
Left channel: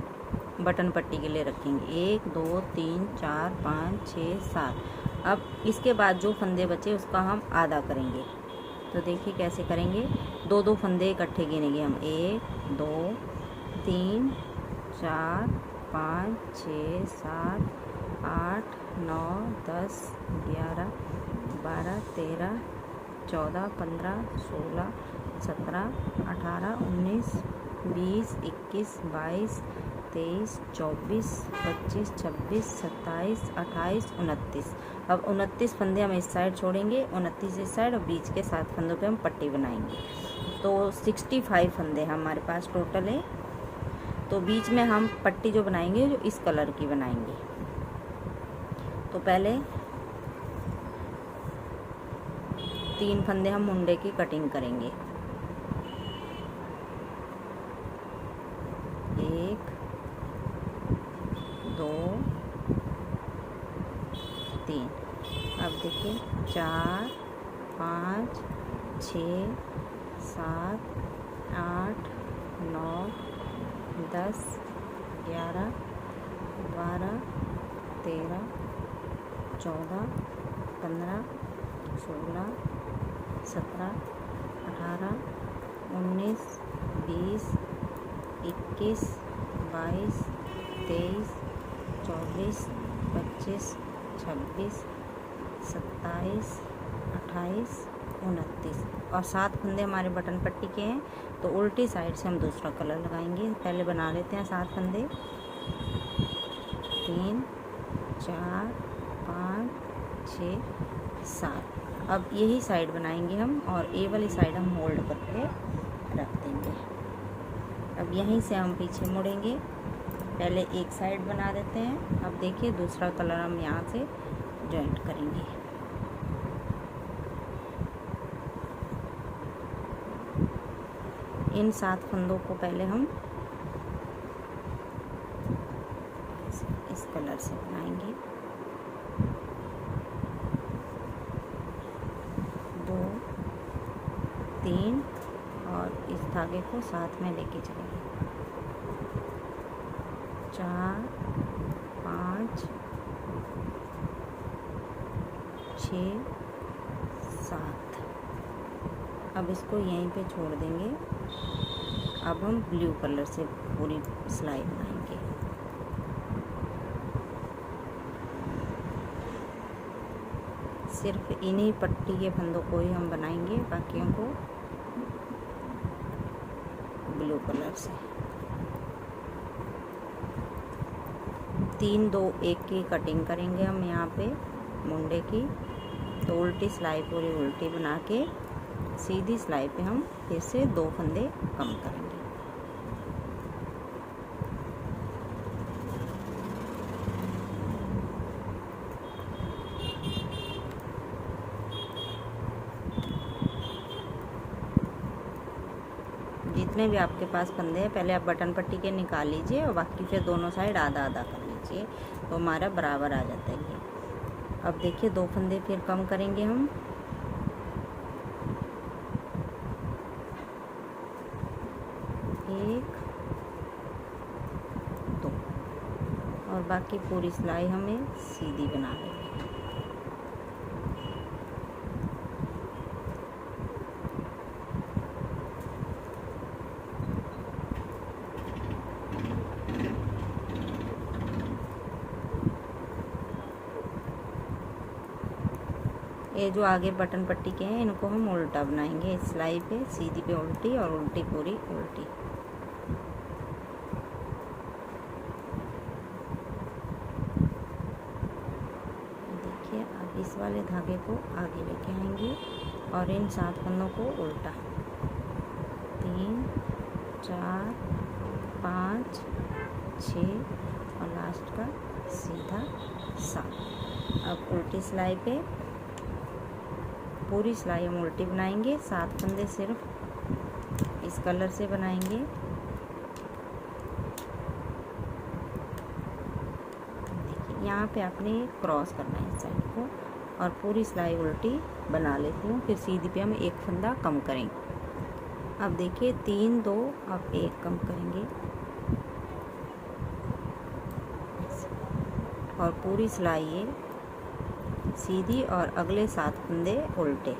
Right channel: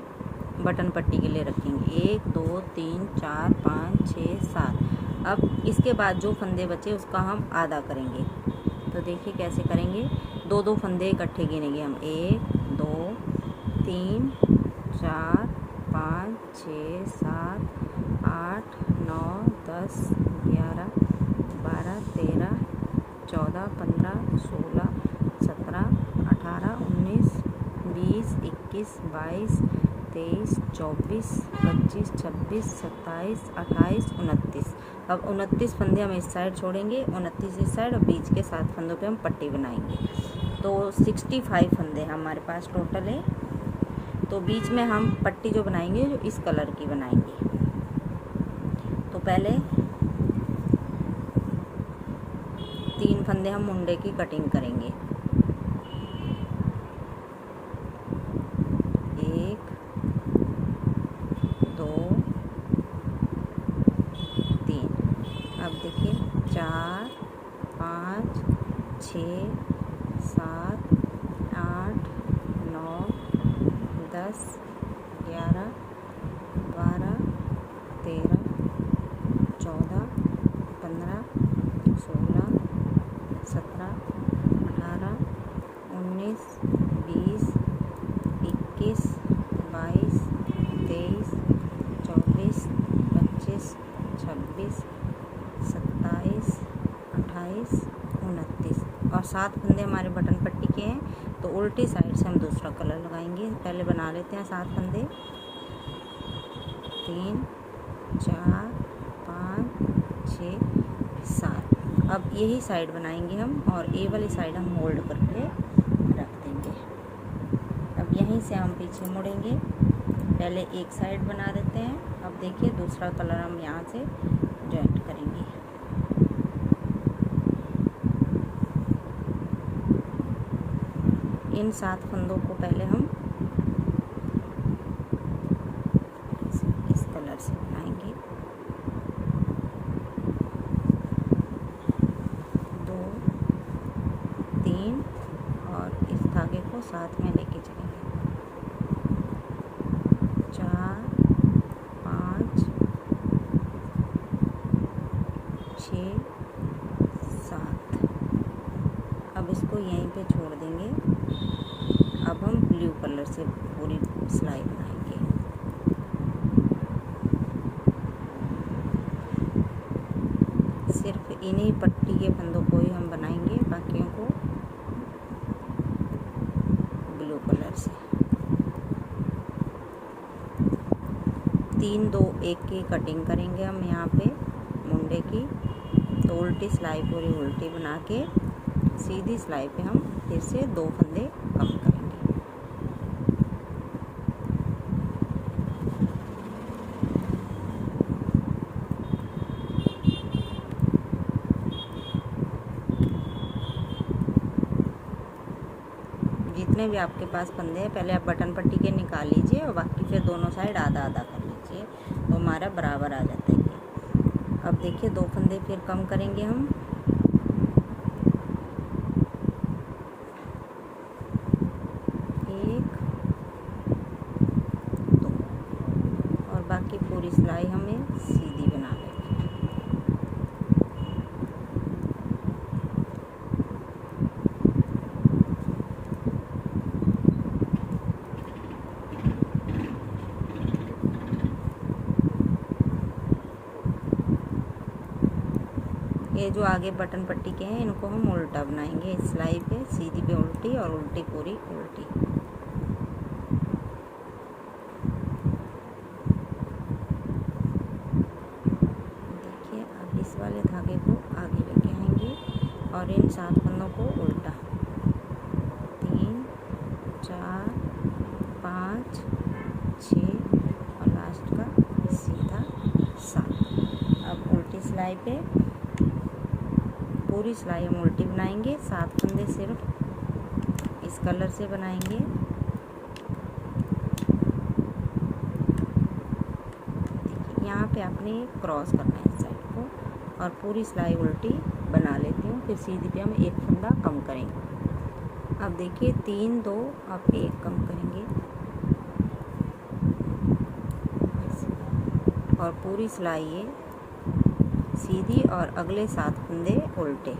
बटन पट्टी के लिए रखेंगे, 1 2 3 4 5 6 7। अब इसके बाद जो फंदे बचे उसका हम आधा करेंगे। तो देखिए कैसे करेंगे, 2 फंदे इकट्ठे गिनेंगे हम, 1 2 3 4 5 6 7 8 9 10 11 12 13 14 15 16 17 18 19 20 21 22 23 24 25 26 27 28 29। अब 29 फंदे हम इस साइड छोड़ेंगे, 29 इस साइड और बीच के 7 फंदों पे हम पट्टी बनाएंगे। तो 65 फंदे हमारे पास टोटल है। तो बीच में हम पट्टी जो बनाएंगे जो इस कलर की बनाएंगे। तो पहले 3 फंदे हम मुंडे की कटिंग करेंगे, 1 2 3। अब देखिए 4 5 6 7 8 9 10 11 12 13 14 15 16 17 18 19 20 21 22 23 24 25 26 27 28 29 और 7 फंदे हमारे बटन पट्टी के हैं। तो उल्टी साइड से हम दूसरा कलर लगाएंगे। पहले बना लेते हैं 7 फंदे, 3 4 5 6 7। अब यही साइड बनाएंगे हम और ये वाली साइड हम होल्ड करके रख देंगे। अब यहीं से हम पीछे मुड़ेंगे, पहले एक साइड बना लेते हैं। अब देखिए दूसरा कलर हम यहाँ से जॉइंट करेंगे। इन 7 फंदों को पहले हम इस कलर से बनाएंगे, 2 3 और इस धागे को साथ में लेके चलेंगे, 4 5 6 7। अब इसको यहीं पे छोड़ देंगे। अब हम ब्लू कलर से पूरी सिलाई बनाएंगे। सिर्फ इन्हीं पट्टी के फंदों को ही हम बनाएंगे, बाकियों को ब्लू कलर से। 3 2 1 की कटिंग करेंगे हम यहाँ पे मुंडे की। तो उल्टी सिलाई पूरी उल्टी बना के सीधी सिलाई पे हम फिर से 2 फंदे कम करेंगे। जितने भी आपके पास फंदे हैं पहले आप बटन पट्टी के निकाल लीजिए और बाकी फिर दोनों साइड आधा आधा कर लीजिए। चाहिए, तो हमारा बराबर आ जाता है ये। अब देखिए 2 फंदे फिर कम करेंगे हम। एक, दो, और बाकी पूरी सिलाई हमें सीधी बना लेंगे। ये जो आगे बटन पट्टी के हैं इनको हम उल्टा बनाएंगे, सिलाई पे सीधी पे उल्टी और उल्टी पूरी उल्टी। देखिए अब इस वाले धागे को आगे लेके आएंगे और इन 7 फंदों को उल्टा, 3, 4, 5, 6 और लास्ट का सीधा 7। अब उल्टी सिलाई पे पूरी सिलाई हम उल्टी बनाएंगे, 7 फंदे सिर्फ इस कलर से बनाएंगे। देखिए यहाँ पे आपने क्रॉस करना है इस साइड को, और पूरी सिलाई उल्टी बना लेती हूँ। फिर सीधी पे हम 1 फंदा कम करेंगे। अब देखिए 3, 2, अब 1 कम करेंगे और पूरी सिलाई ये सीधी और अगले 7 फंदे उल्टे।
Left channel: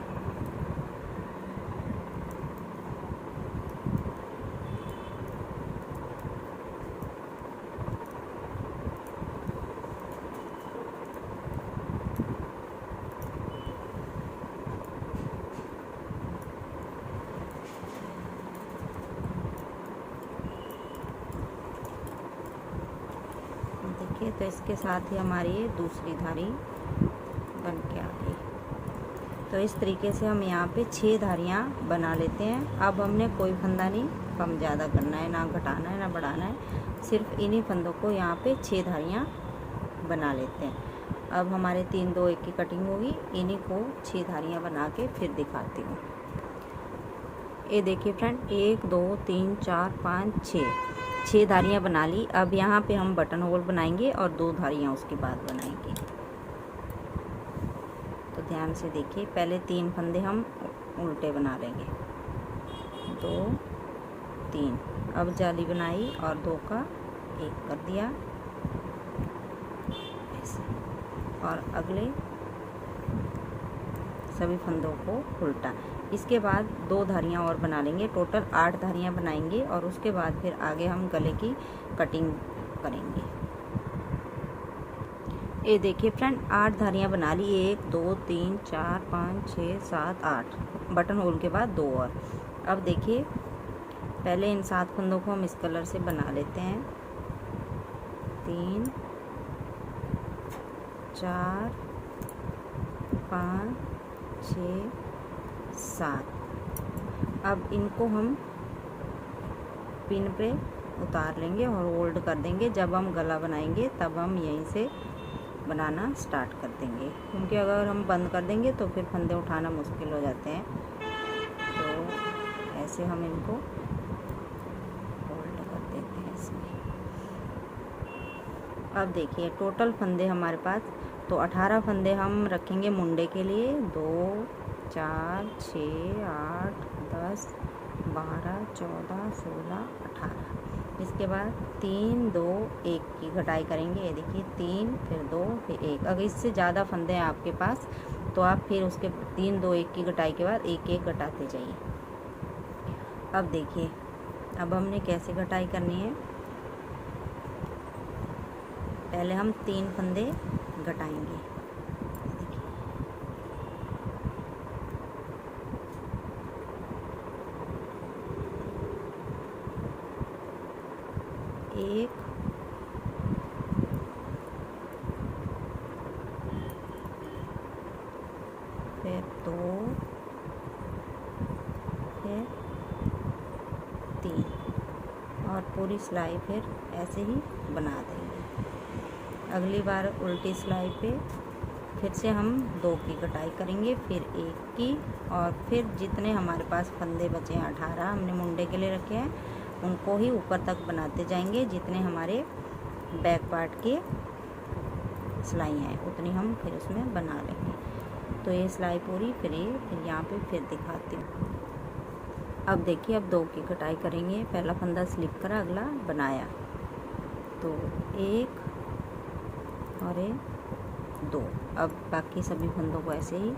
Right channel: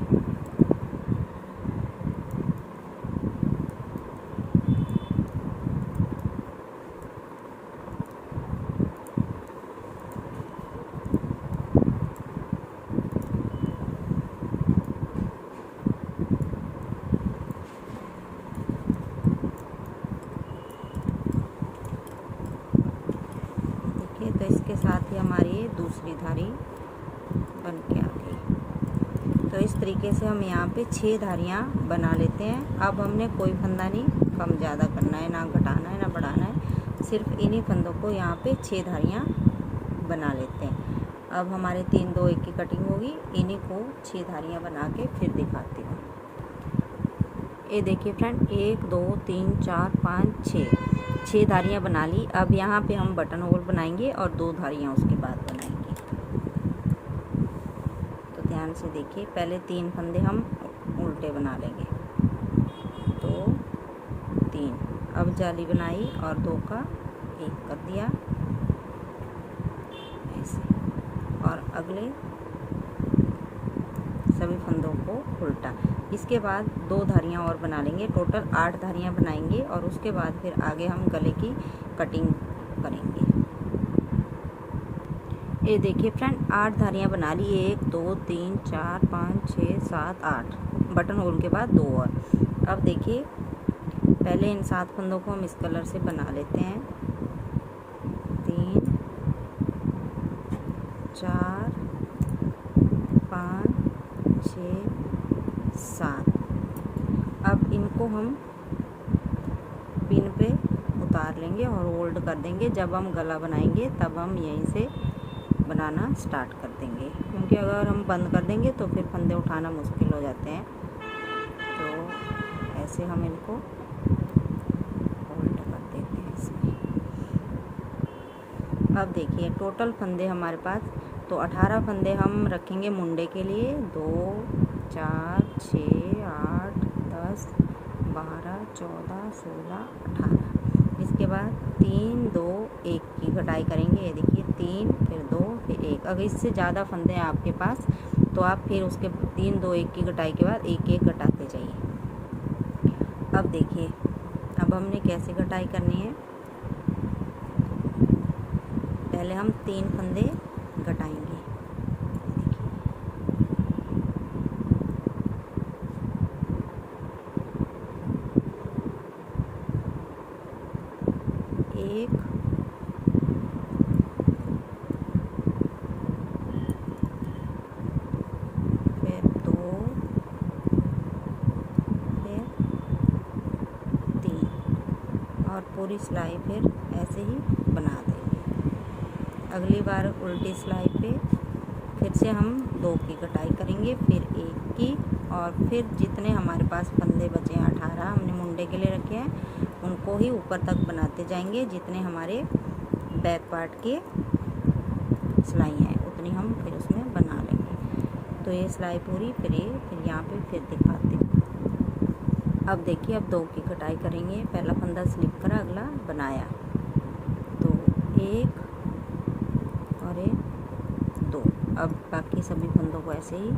देखिए तो इसके साथ ही हमारी दूसरी धारी बन के आ गई। तो इस तरीके से हम यहाँ पे 6 धारियाँ बना लेते हैं। अब हमने कोई फंदा नहीं कम ज़्यादा करना है, ना घटाना है ना बढ़ाना है, सिर्फ इन्हीं फंदों को यहाँ पे 6 धारियाँ बना लेते हैं। अब हमारे 3, 2, 1 की कटिंग होगी, इन्हीं को 6 धारियाँ बना के फिर दिखाती हूँ। ये देखिए फ्रेंड, 1, 2, 3, 4, 5, 6 धारियाँ बना ली। अब यहाँ पे हम बटन होल बनाएंगे और 2 धारियाँ उसके बाद बनाएंगे। ध्यान से देखिए, पहले 3 फंदे हम उल्टे बना लेंगे, 2, 3, अब जाली बनाई और 2 का 1 कर दिया ऐसे, और अगले सभी फंदों को उल्टा। इसके बाद 2 धारियाँ और बना लेंगे, टोटल 8 धारियाँ बनाएंगे और उसके बाद फिर आगे हम गले की कटिंग करेंगे। ये देखिए फ्रेंड, 8 धारियाँ बना ली, 1, 2, 3, 4, 5, 6, 7, 8, बटन होल के बाद 2 और। अब देखिए पहले इन 7 फंदों को हम इस कलर से बना लेते हैं, 3, 4, 5, 6, 7। अब इनको हम पिन पे उतार लेंगे और होल्ड कर देंगे। जब हम गला बनाएंगे तब हम यहीं से बनाना स्टार्ट कर देंगे, क्योंकि अगर हम बंद कर देंगे तो फिर फंदे उठाना मुश्किल हो जाते हैं। तो ऐसे हम इनको होल्ड कर देते हैं इसमें। अब देखिए टोटल फंदे हमारे पास, तो 18 फंदे हम रखेंगे मुंडे के लिए, 2, 4, 6, 8, 10, 12, 14, 16, 18। इसके बाद 3, 2, 1 की घटाई करेंगे। ये देखिए 3, फिर 2, फिर 1। अगर इससे ज़्यादा फंदे हैं आपके पास तो आप फिर उसके 3, 2, 1 की घटाई के बाद 1, 1 घटाते जाइए। अब देखिए अब हमने कैसे घटाई करनी है। पहले हम 3 फंदे घटाएंगे, एक, फिर 2, फिर 3, और पूरी सिलाई फिर ऐसे ही बना देंगे। अगली बार उल्टी सिलाई पे फिर से हम 2 की कटाई करेंगे, फिर 1 की, और फिर जितने हमारे पास फंदे बचे हैं 18 हमने मुंडे के लिए रखे हैं, उनको ही ऊपर तक बनाते जाएंगे जितने हमारे बैक पार्ट की सिलाइयाँ हैं उतनी हम फिर उसमें बना लेंगे। तो ये सिलाई पूरी फिर यहाँ पे फिर दिखाती हूँ। अब देखिए, अब 2 की कटाई करेंगे। पहला फंदा स्लिप करा, अगला बनाया, तो 1 और 2। अब बाकी सभी फंदों को ऐसे ही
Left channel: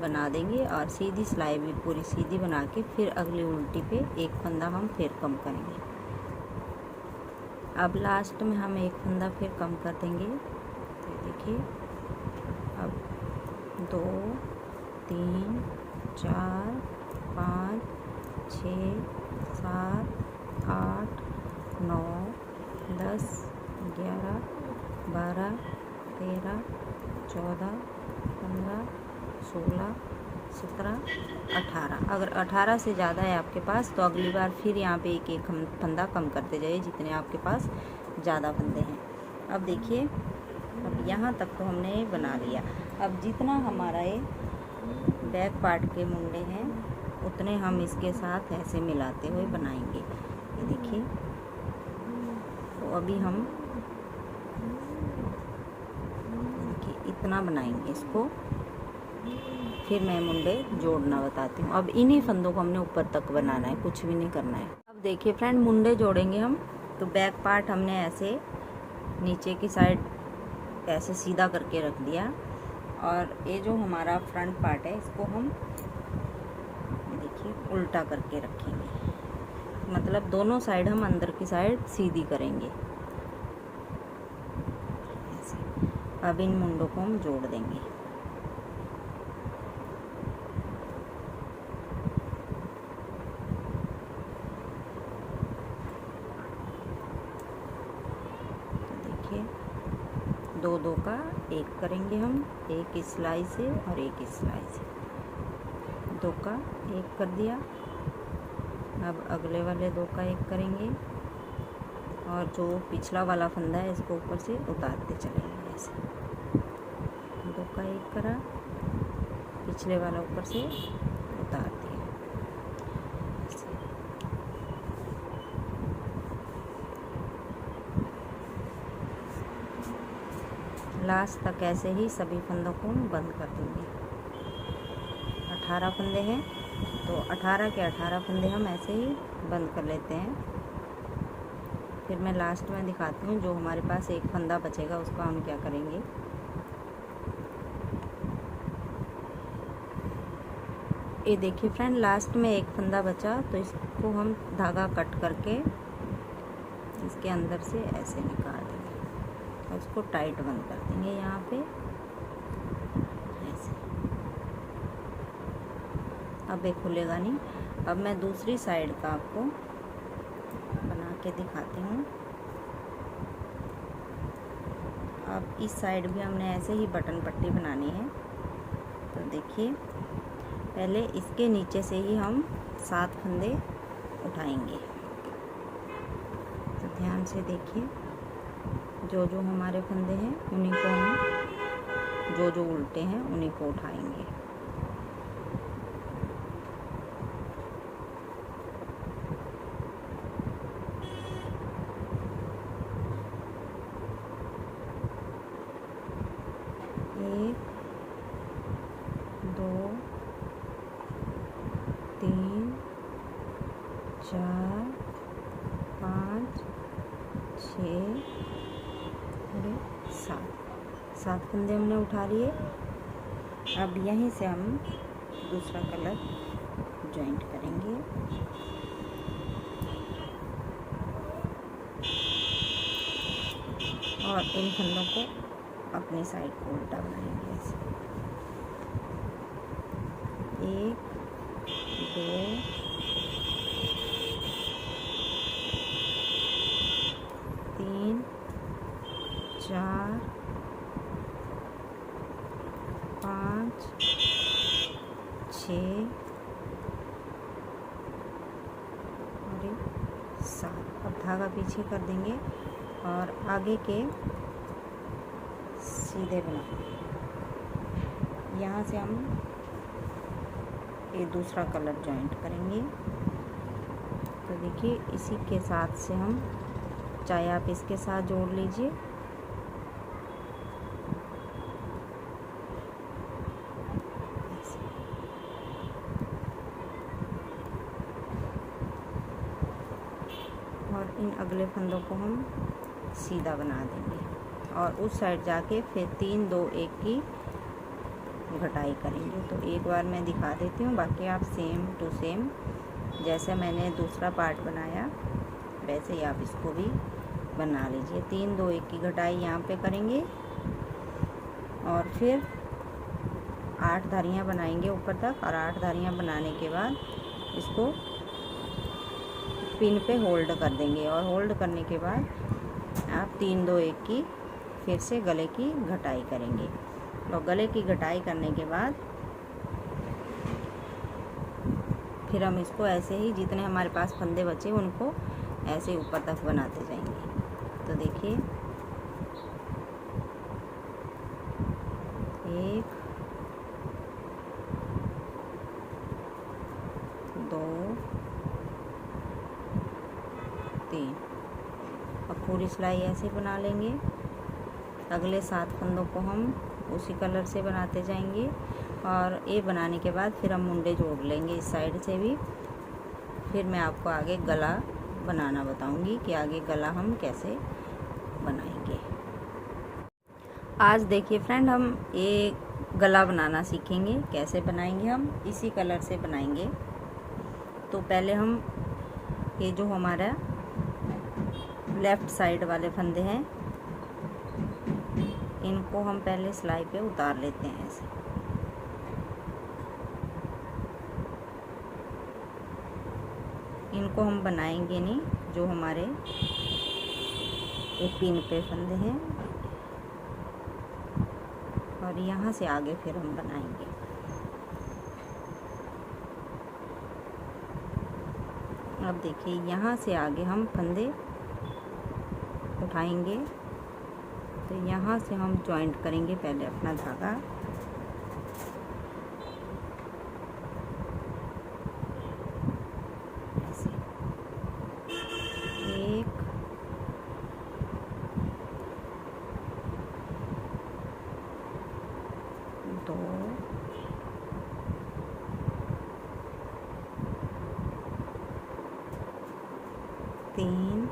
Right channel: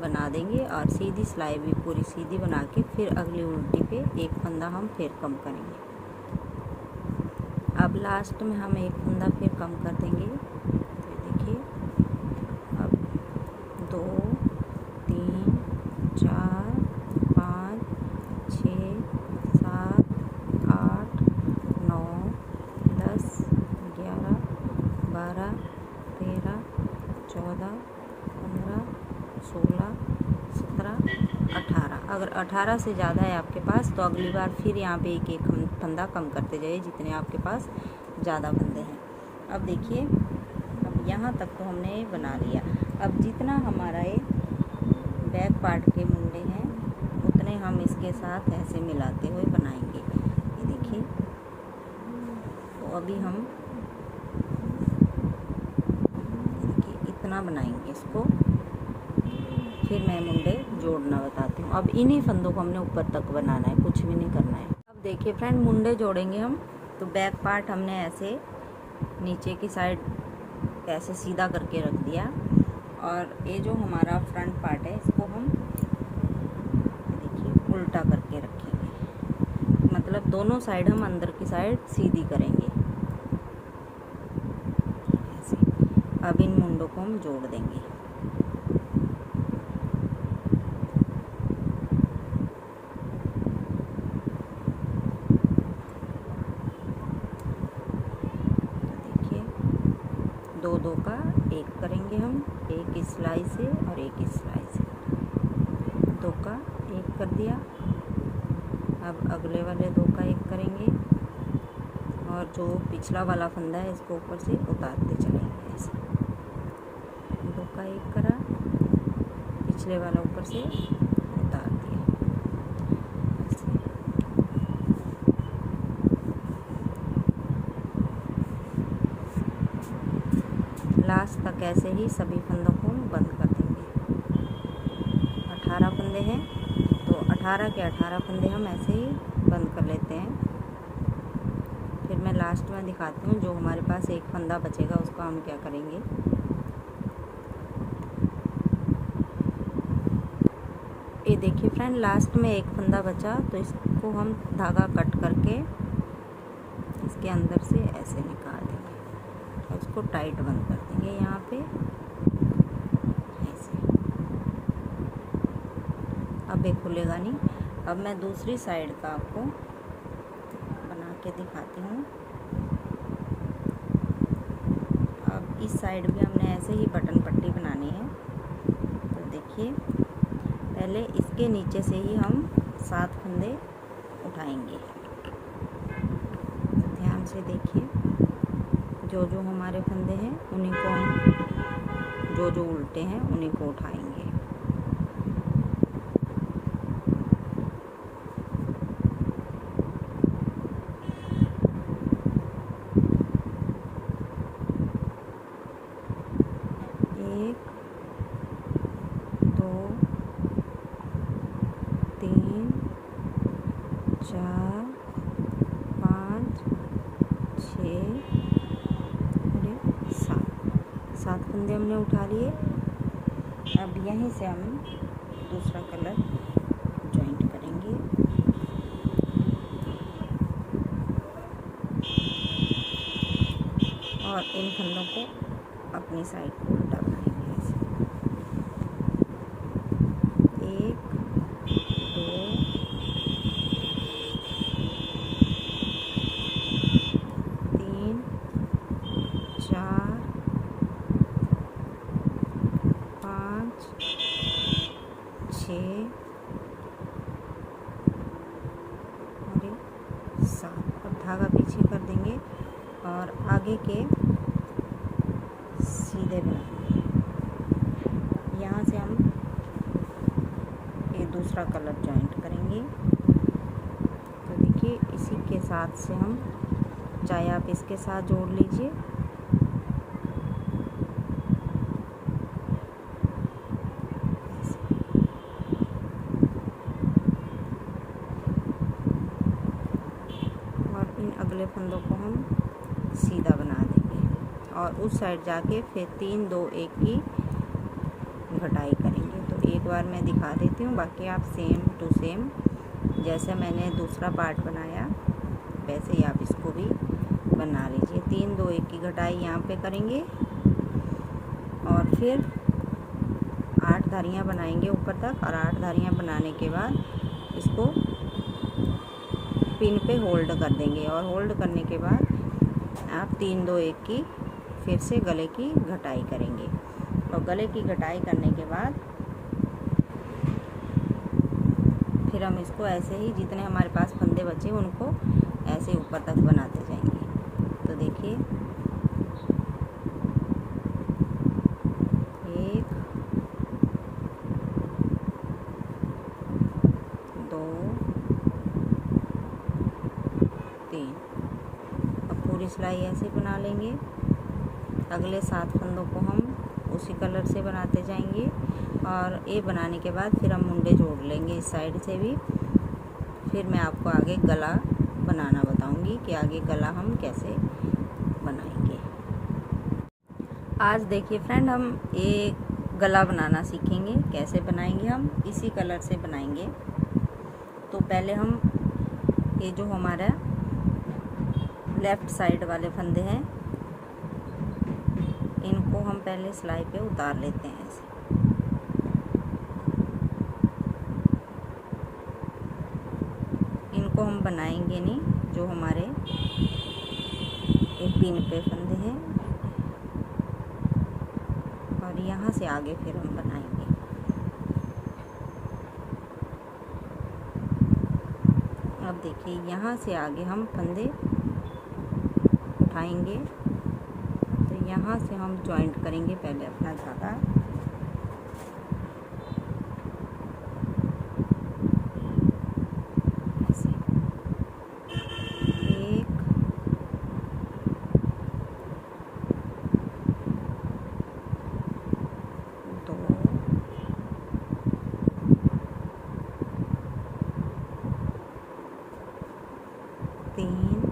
बना देंगे और सीधी सिलाई भी पूरी सीधी बना के फिर अगली उल्टी पे एक फंदा हम फिर कम करेंगे। अब लास्ट में हम एक फंदा फिर कम कर देंगे। तो देखिए, अब 2 3 4 5 6 7 8 9 10 11 12 13 14 15 16 17 18। अगर 18 से ज़्यादा है आपके पास तो अगली बार फिर यहाँ पे एक एक फंदा कम करते जाइए जितने आपके पास ज़्यादा फंदे हैं। अब देखिए, अब यहाँ तक तो हमने बना लिया। अब जितना हमारा ये बैक पार्ट के मुंडे हैं उतने हम इसके साथ ऐसे मिलाते हुए बनाएंगे। ये देखिए, तो अभी हम इतना बनाएंगे इसको, फिर मैं मुंडे जोड़ना बताती हूँ। अब इन्हीं फंदों को हमने ऊपर तक बनाना है, कुछ भी नहीं करना है। अब देखिए फ्रेंड, मुंडे जोड़ेंगे हम। तो बैक पार्ट हमने ऐसे नीचे की साइड ऐसे सीधा करके रख दिया और ये जो हमारा फ्रंट पार्ट है इसको हम देखिए उल्टा करके रखेंगे, मतलब दोनों साइड हम अंदर की साइड सीधी करेंगे ऐसे। अब इन मुंडों को हम जोड़ देंगे। दो दो का एक करेंगे हम, एक इस सिलाई से और एक इस सिलाई से। 2 का एक कर दिया। अब अगले वाले 2 का एक करेंगे और जो पिछला वाला फंदा है इसको ऊपर से उतारते चलेंगे ऐसे। 2 का एक करा, पिछले वाला ऊपर से उतार दिया ऐसे। लास्ट तक ऐसे ही सभी फंदों को हम बंद कर देंगे। 18 फंदे हैं तो 18 के 18 फंदे हम ऐसे ही बंद कर लेते हैं। फिर मैं लास्ट में दिखाती हूँ जो हमारे पास एक फंदा बचेगा उसका हम क्या करेंगे। ये देखिए फ्रेंड, लास्ट में एक फंदा बचा तो इसको हम धागा कट करके इसके अंदर से ऐसे निकाल देंगे और इसको टाइट बंद कर देंगे यहाँ पे ऐसे। अब ये खुलेगा नहीं। अब मैं दूसरी साइड का आपको बना के दिखाती हूँ। अब इस साइड भी हमने ऐसे ही बटन पट्टी बनानी है। तो देखिए, पहले इसके नीचे से ही हम 7 फंदे उठाएंगे। तो ध्यान से देखिए, जो जो हमारे फंदे हैं उन्हीं को हम जो जो उल्टे हैं उन्हीं को उठाएंगे। एक, 2, 3, 4, 5, 6, 7 फंदे हमने उठा लिए। अब यहीं से हम दूसरा कलर जॉइंट करेंगे। और इन फंदों को अपनी साइड को उल्टा बनाएंगे ऐसे। 1, 2, 3, 4, 5, 6 और 7। अब धागा पीछे कर देंगे और आगे के सीधे बना। यहाँ से हम ये दूसरा कलर जॉइंट करेंगे। तो देखिए, इसी के साथ से हम चाहे आप इसके साथ जोड़ लीजिए। और इन अगले फंदों को हम सीधा बना देंगे और उस साइड जाके फिर 3 2 1 की घटाई करेंगे। तो एक बार मैं दिखा देती हूँ, बाकी आप सेम टू सेम जैसे मैंने दूसरा पार्ट बनाया वैसे ही आप इसको भी बना लीजिए। 3 2 1 की घटाई यहाँ पे करेंगे और फिर 8 धारियाँ बनाएंगे ऊपर तक, और 8 धारियाँ बनाने के बाद इसको पिन पे होल्ड कर देंगे और होल्ड करने के बाद आप 3 2 1 की फिर से गले की घटाई करेंगे। और गले की घटाई करने के बाद फिर हम इसको ऐसे ही जितने हमारे पास फंदे बचे उनको ऐसे ऊपर तक बनाते जाएंगे। तो देखिए 1 2 3। अब पूरी सिलाई ऐसे बना लेंगे। अगले 7 फंदों को हम उसी कलर से बनाते जाएंगे और ये बनाने के बाद फिर हम मुंडे जोड़ लेंगे इस साइड से भी। फिर मैं आपको आगे गला बनाना बताऊंगी कि आगे गला हम कैसे बनाएंगे। आज देखिए फ्रेंड, हम ये गला बनाना सीखेंगे। कैसे बनाएंगे? हम इसी कलर से बनाएंगे। तो पहले हम ये जो हमारा लेफ्ट साइड वाले फंदे हैं इनको हम पहले सिलाई पे उतार लेते हैं ऐसे। इनको हम बनाएंगे नहीं, जो हमारे एक पिन पे फंदे हैं और यहाँ से आगे फिर हम बनाएंगे। अब देखिए यहाँ से आगे हम फंदे उठाएंगे। तो यहाँ से हम जॉइंट करेंगे पहले अपना धागा। ऐसे 1 2 3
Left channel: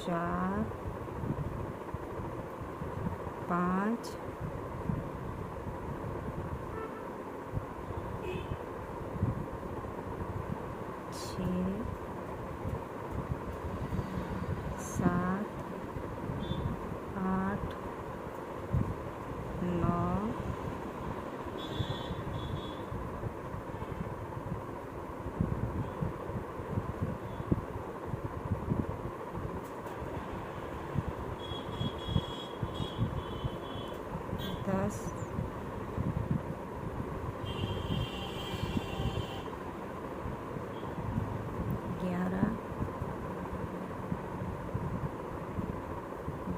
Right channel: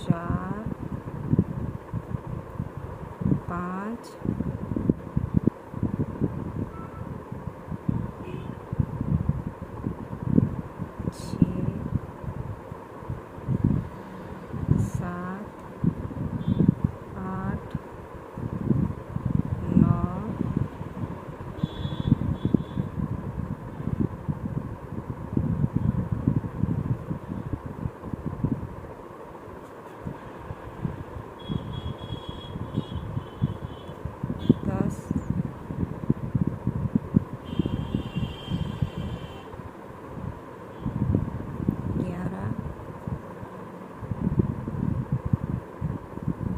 4 5 6 7 8 9 10 11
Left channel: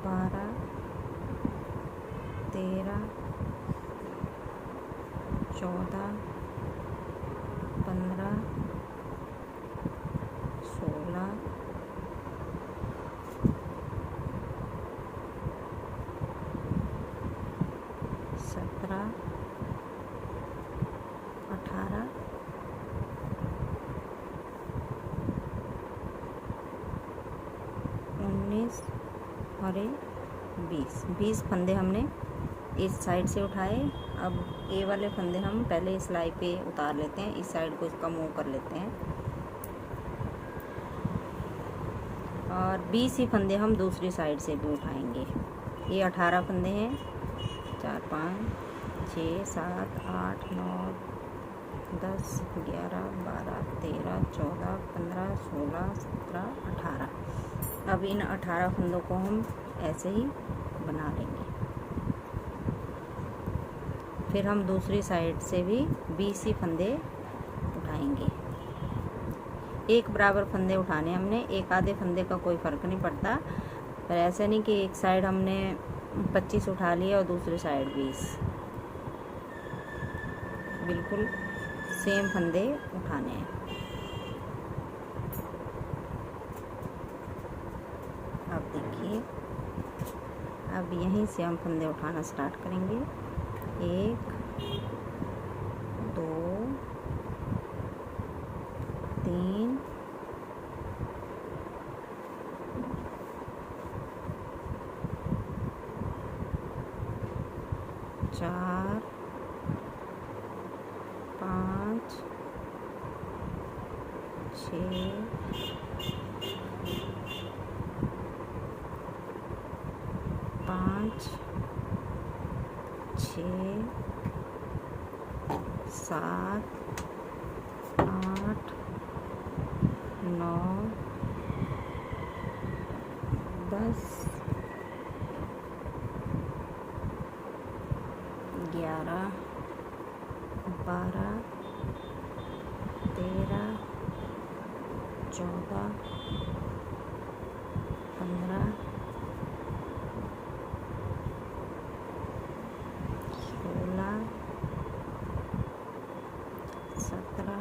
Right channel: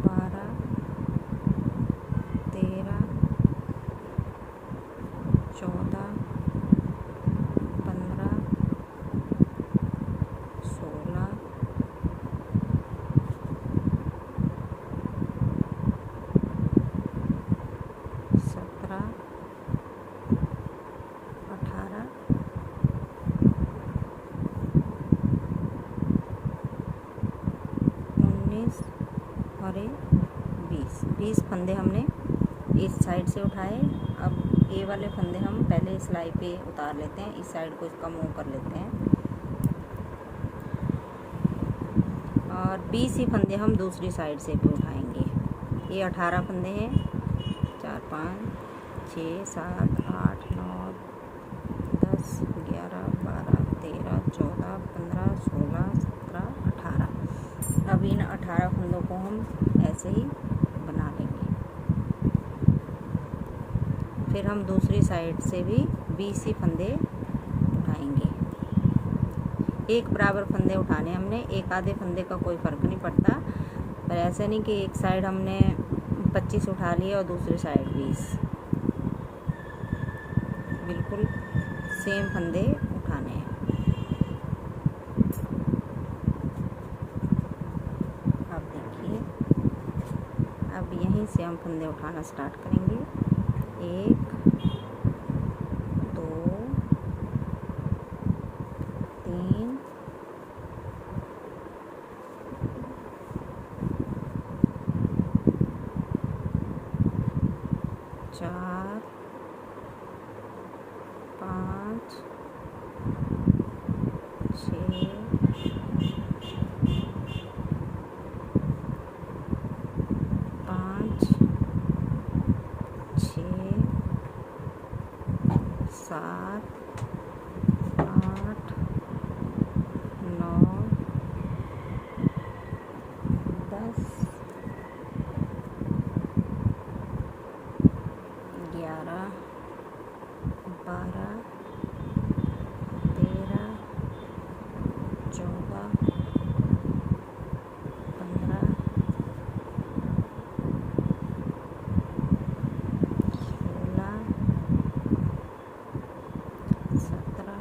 12 13 14 15 16 17 18 19 और 20 फंदे हमने इस साइड से उठाए। अब ये वाले फंदे हम पहले सिलाई पे उतार लेते हैं। इस साइड को इसका मूव कर लेते हैं और 20 ही फंदे हम दूसरी साइड से भी उठाएंगे। ये 18 फंदे हैं। 4 5 6 7 8 9 10 11 12 13 14 15 16 17 18। अब इन 18 फंदों को हम ऐसे ही बना लेंगे। फिर हम दूसरी साइड से भी 20 ही फंदे उठाएंगे। एक बराबर फंदे उठाने हमने, एक आधे फंदे का कोई फ़र्क नहीं पड़ता। पर ऐसा नहीं कि एक साइड हमने 25 उठा लिए और दूसरी साइड 20। बिल्कुल सेम फंदे उठाने हैं। यहीं से हम फंदे उठाना स्टार्ट करेंगे। 1 2 3 4 5 6 5 6 7 8 9 10 11 12 13 14 15 16 17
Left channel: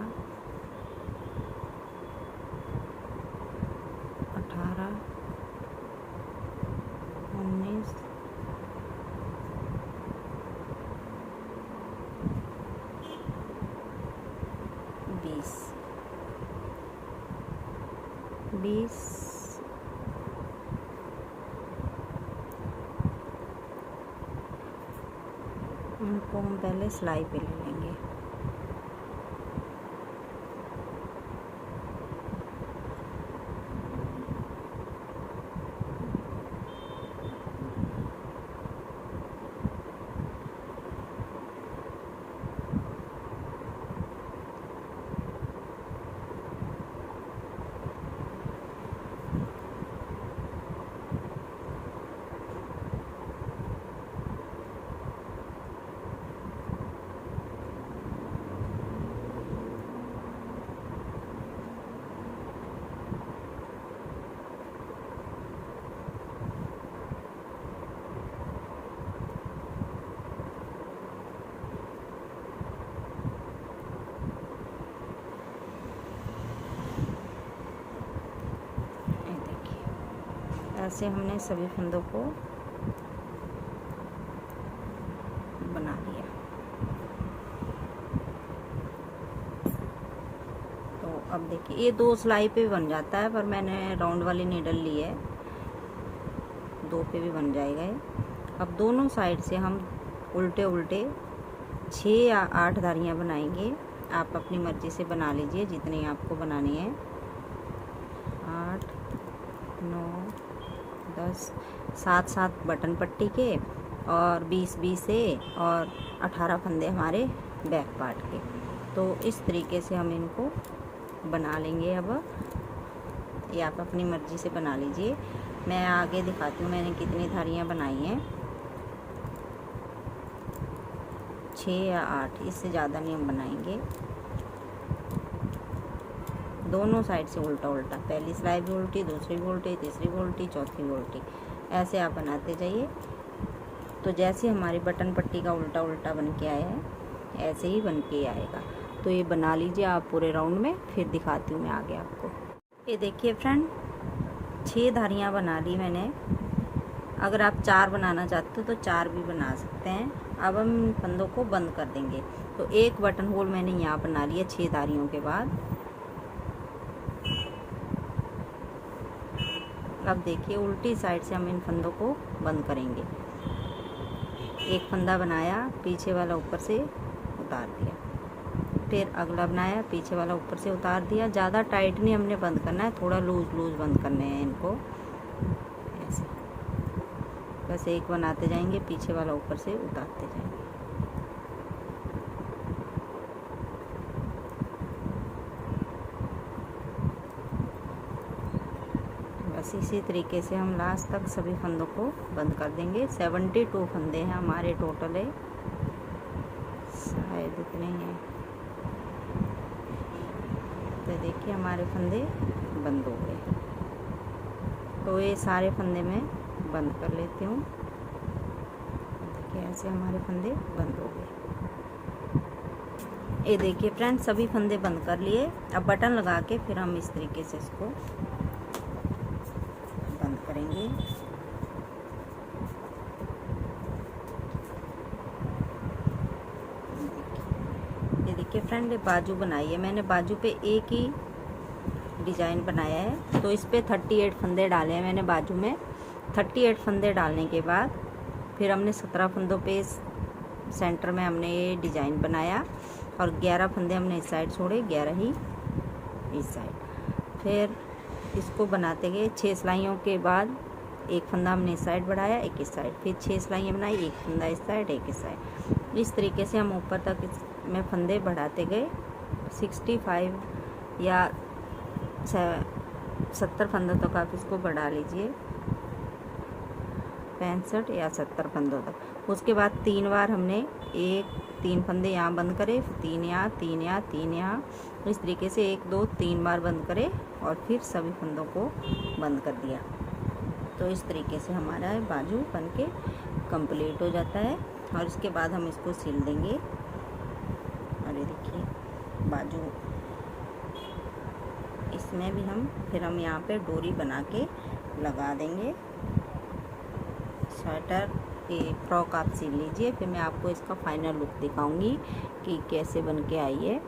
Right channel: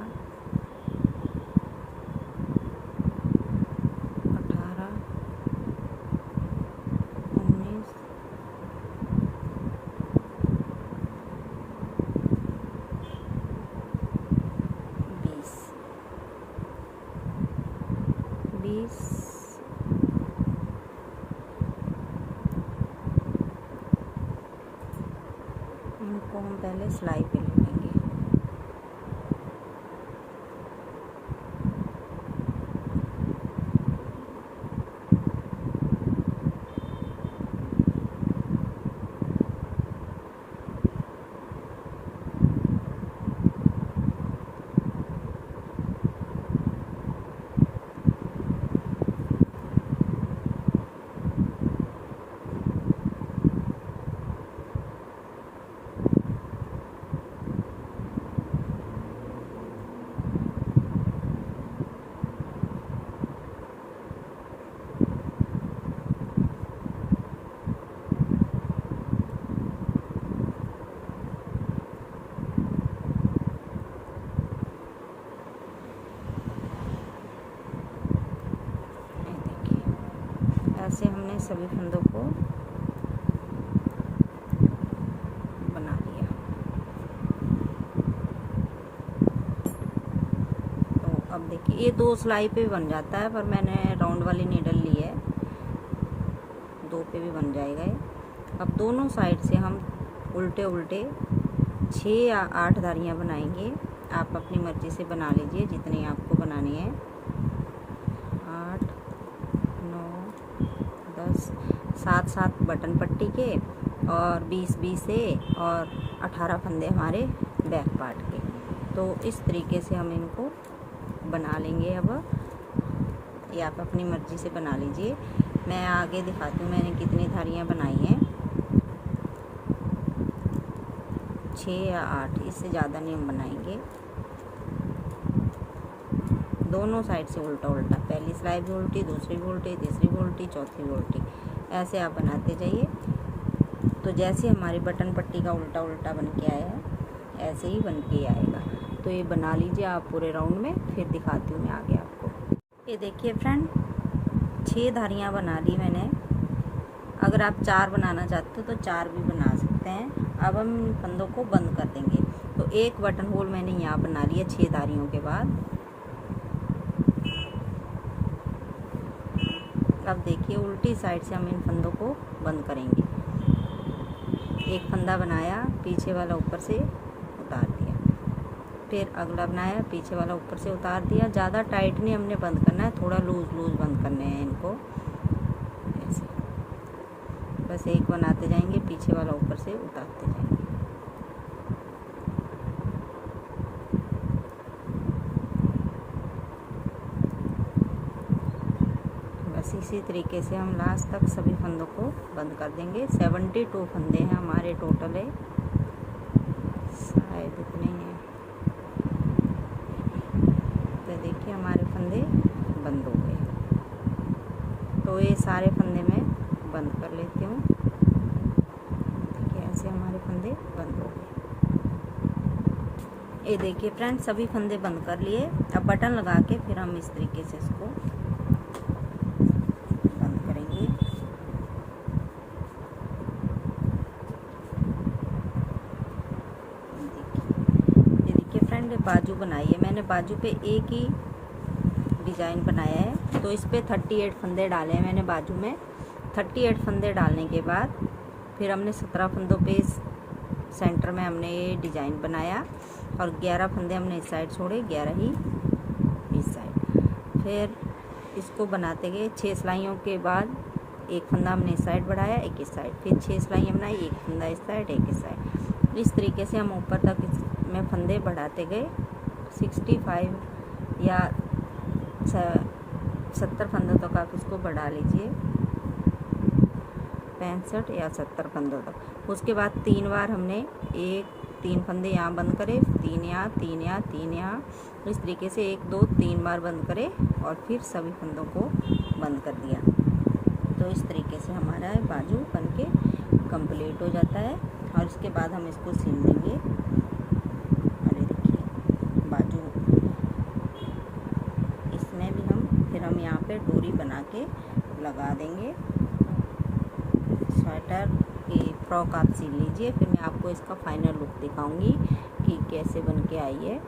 18 19 20 उनको हम पहले सिलाई पे ले लेंगे। ऐसे हमने सभी फंदों को बना लिया। तो अब देखिए ये 2 सिलाई पे भी बन जाता है, पर मैंने राउंड वाली नीडल ली है, 2 पे भी बन जाएगा ये। अब दोनों साइड से हम उल्टे उल्टे 6 या 8 धारियाँ बनाएंगे। आप अपनी मर्जी से बना लीजिए जितनी आपको बनानी है। 8 9 10 7 बटन पट्टी के और 20 से और 18 फंदे हमारे बैक पार्ट के। तो इस तरीके से हम इनको बना लेंगे। अब ये आप अपनी मर्जी से बना लीजिए। मैं आगे दिखाती हूँ मैंने कितनी धारियाँ बनाई हैं, 6 या 8, इससे ज़्यादा नहीं हम बनाएंगे। दोनों साइड से उल्टा उल्टा, पहली सिलाई भी उल्टी, दूसरी भी उल्टी, तीसरी भी उल्टी, चौथी भी उल्टी, ऐसे आप बनाते जाइए। तो जैसे हमारी बटन पट्टी का उल्टा उल्टा बन के आया है ऐसे ही बन के आएगा। तो ये बना लीजिए आप पूरे राउंड में, फिर दिखाती हूँ मैं आगे आपको। ये देखिए फ्रेंड, 6 धारियाँ बना ली मैंने। अगर आप 4 बनाना चाहते हो तो 4 भी बना सकते हैं। अब हम इन फंदों को बंद कर देंगे। तो एक बटन होल मैंने यहाँ बना लिया 6 धारियों के बाद। अब देखिए उल्टी साइड से हम इन फंदों को बंद करेंगे। एक फंदा बनाया, पीछे वाला ऊपर से उतार दिया, फिर अगला बनाया, पीछे वाला ऊपर से उतार दिया। ज़्यादा टाइट नहीं हमने बंद करना है, थोड़ा लूज लूज बंद करने हैं इनको। ऐसे बस एक बनाते जाएंगे, पीछे वाला ऊपर से उतारते जाएंगे। बस इसी तरीके से हम लास्ट तक सभी फंदों को बंद कर देंगे। 72 फंदे हैं हमारे टोटल है, शायद इतने हैं। तो देखिए हमारे फंदे बंद हो गए। तो ये सारे फंदे मैं बंद कर लेती हूँ। देखिए ऐसे हमारे फंदे बंद हो गए। ये देखिए फ्रेंड्स, सभी फंदे बंद कर लिए। अब बटन लगा के फिर हम इस तरीके से इसको पहले बाजू बनाई है। मैंने बाजू पे एक ही डिजाइन बनाया है, तो इस पे 38 फंदे डाले हैं मैंने बाजू में। 38 फंदे डालने के बाद फिर हमने 17 फंदों पे सेंटर में हमने ये डिजाइन बनाया और 11 फंदे हमने इस साइड छोड़े, 11 ही इस साइड। फिर इसको बनाते गए 6 सिलाइयों के बाद एक फंदा हमने इस साइड बढ़ाया, एक इस साइड, फिर 6 सिलाइयाँ बनाई, एक फंदा इस साइड, एक इस साइड। इस तरीके से हम ऊपर तक इसमें फंदे बढ़ाते गए। 65 या 70 फंदों तक आप इसको बढ़ा लीजिए, 65 या 70 फंदों तक। उसके बाद 3 बार हमने 3 फंदे यहाँ बंद करे, 3 यहाँ, 3 यहाँ, 3 यहाँ, इस तरीके से 1 2 3 बार बंद करे और फिर सभी फंदों को बंद कर दिया। तो इस तरीके से हमारा बाजू बनके कंप्लीट हो जाता है और इसके बाद हम इसको सील देंगे। और ये देखिए बाजू, इसमें भी हम यहाँ पे डोरी बना के लगा देंगे। स्वेटर ये फ्रॉक आप सील लीजिए, फिर मैं आपको इसका फाइनल लुक दिखाऊंगी कि कैसे बन के आई है।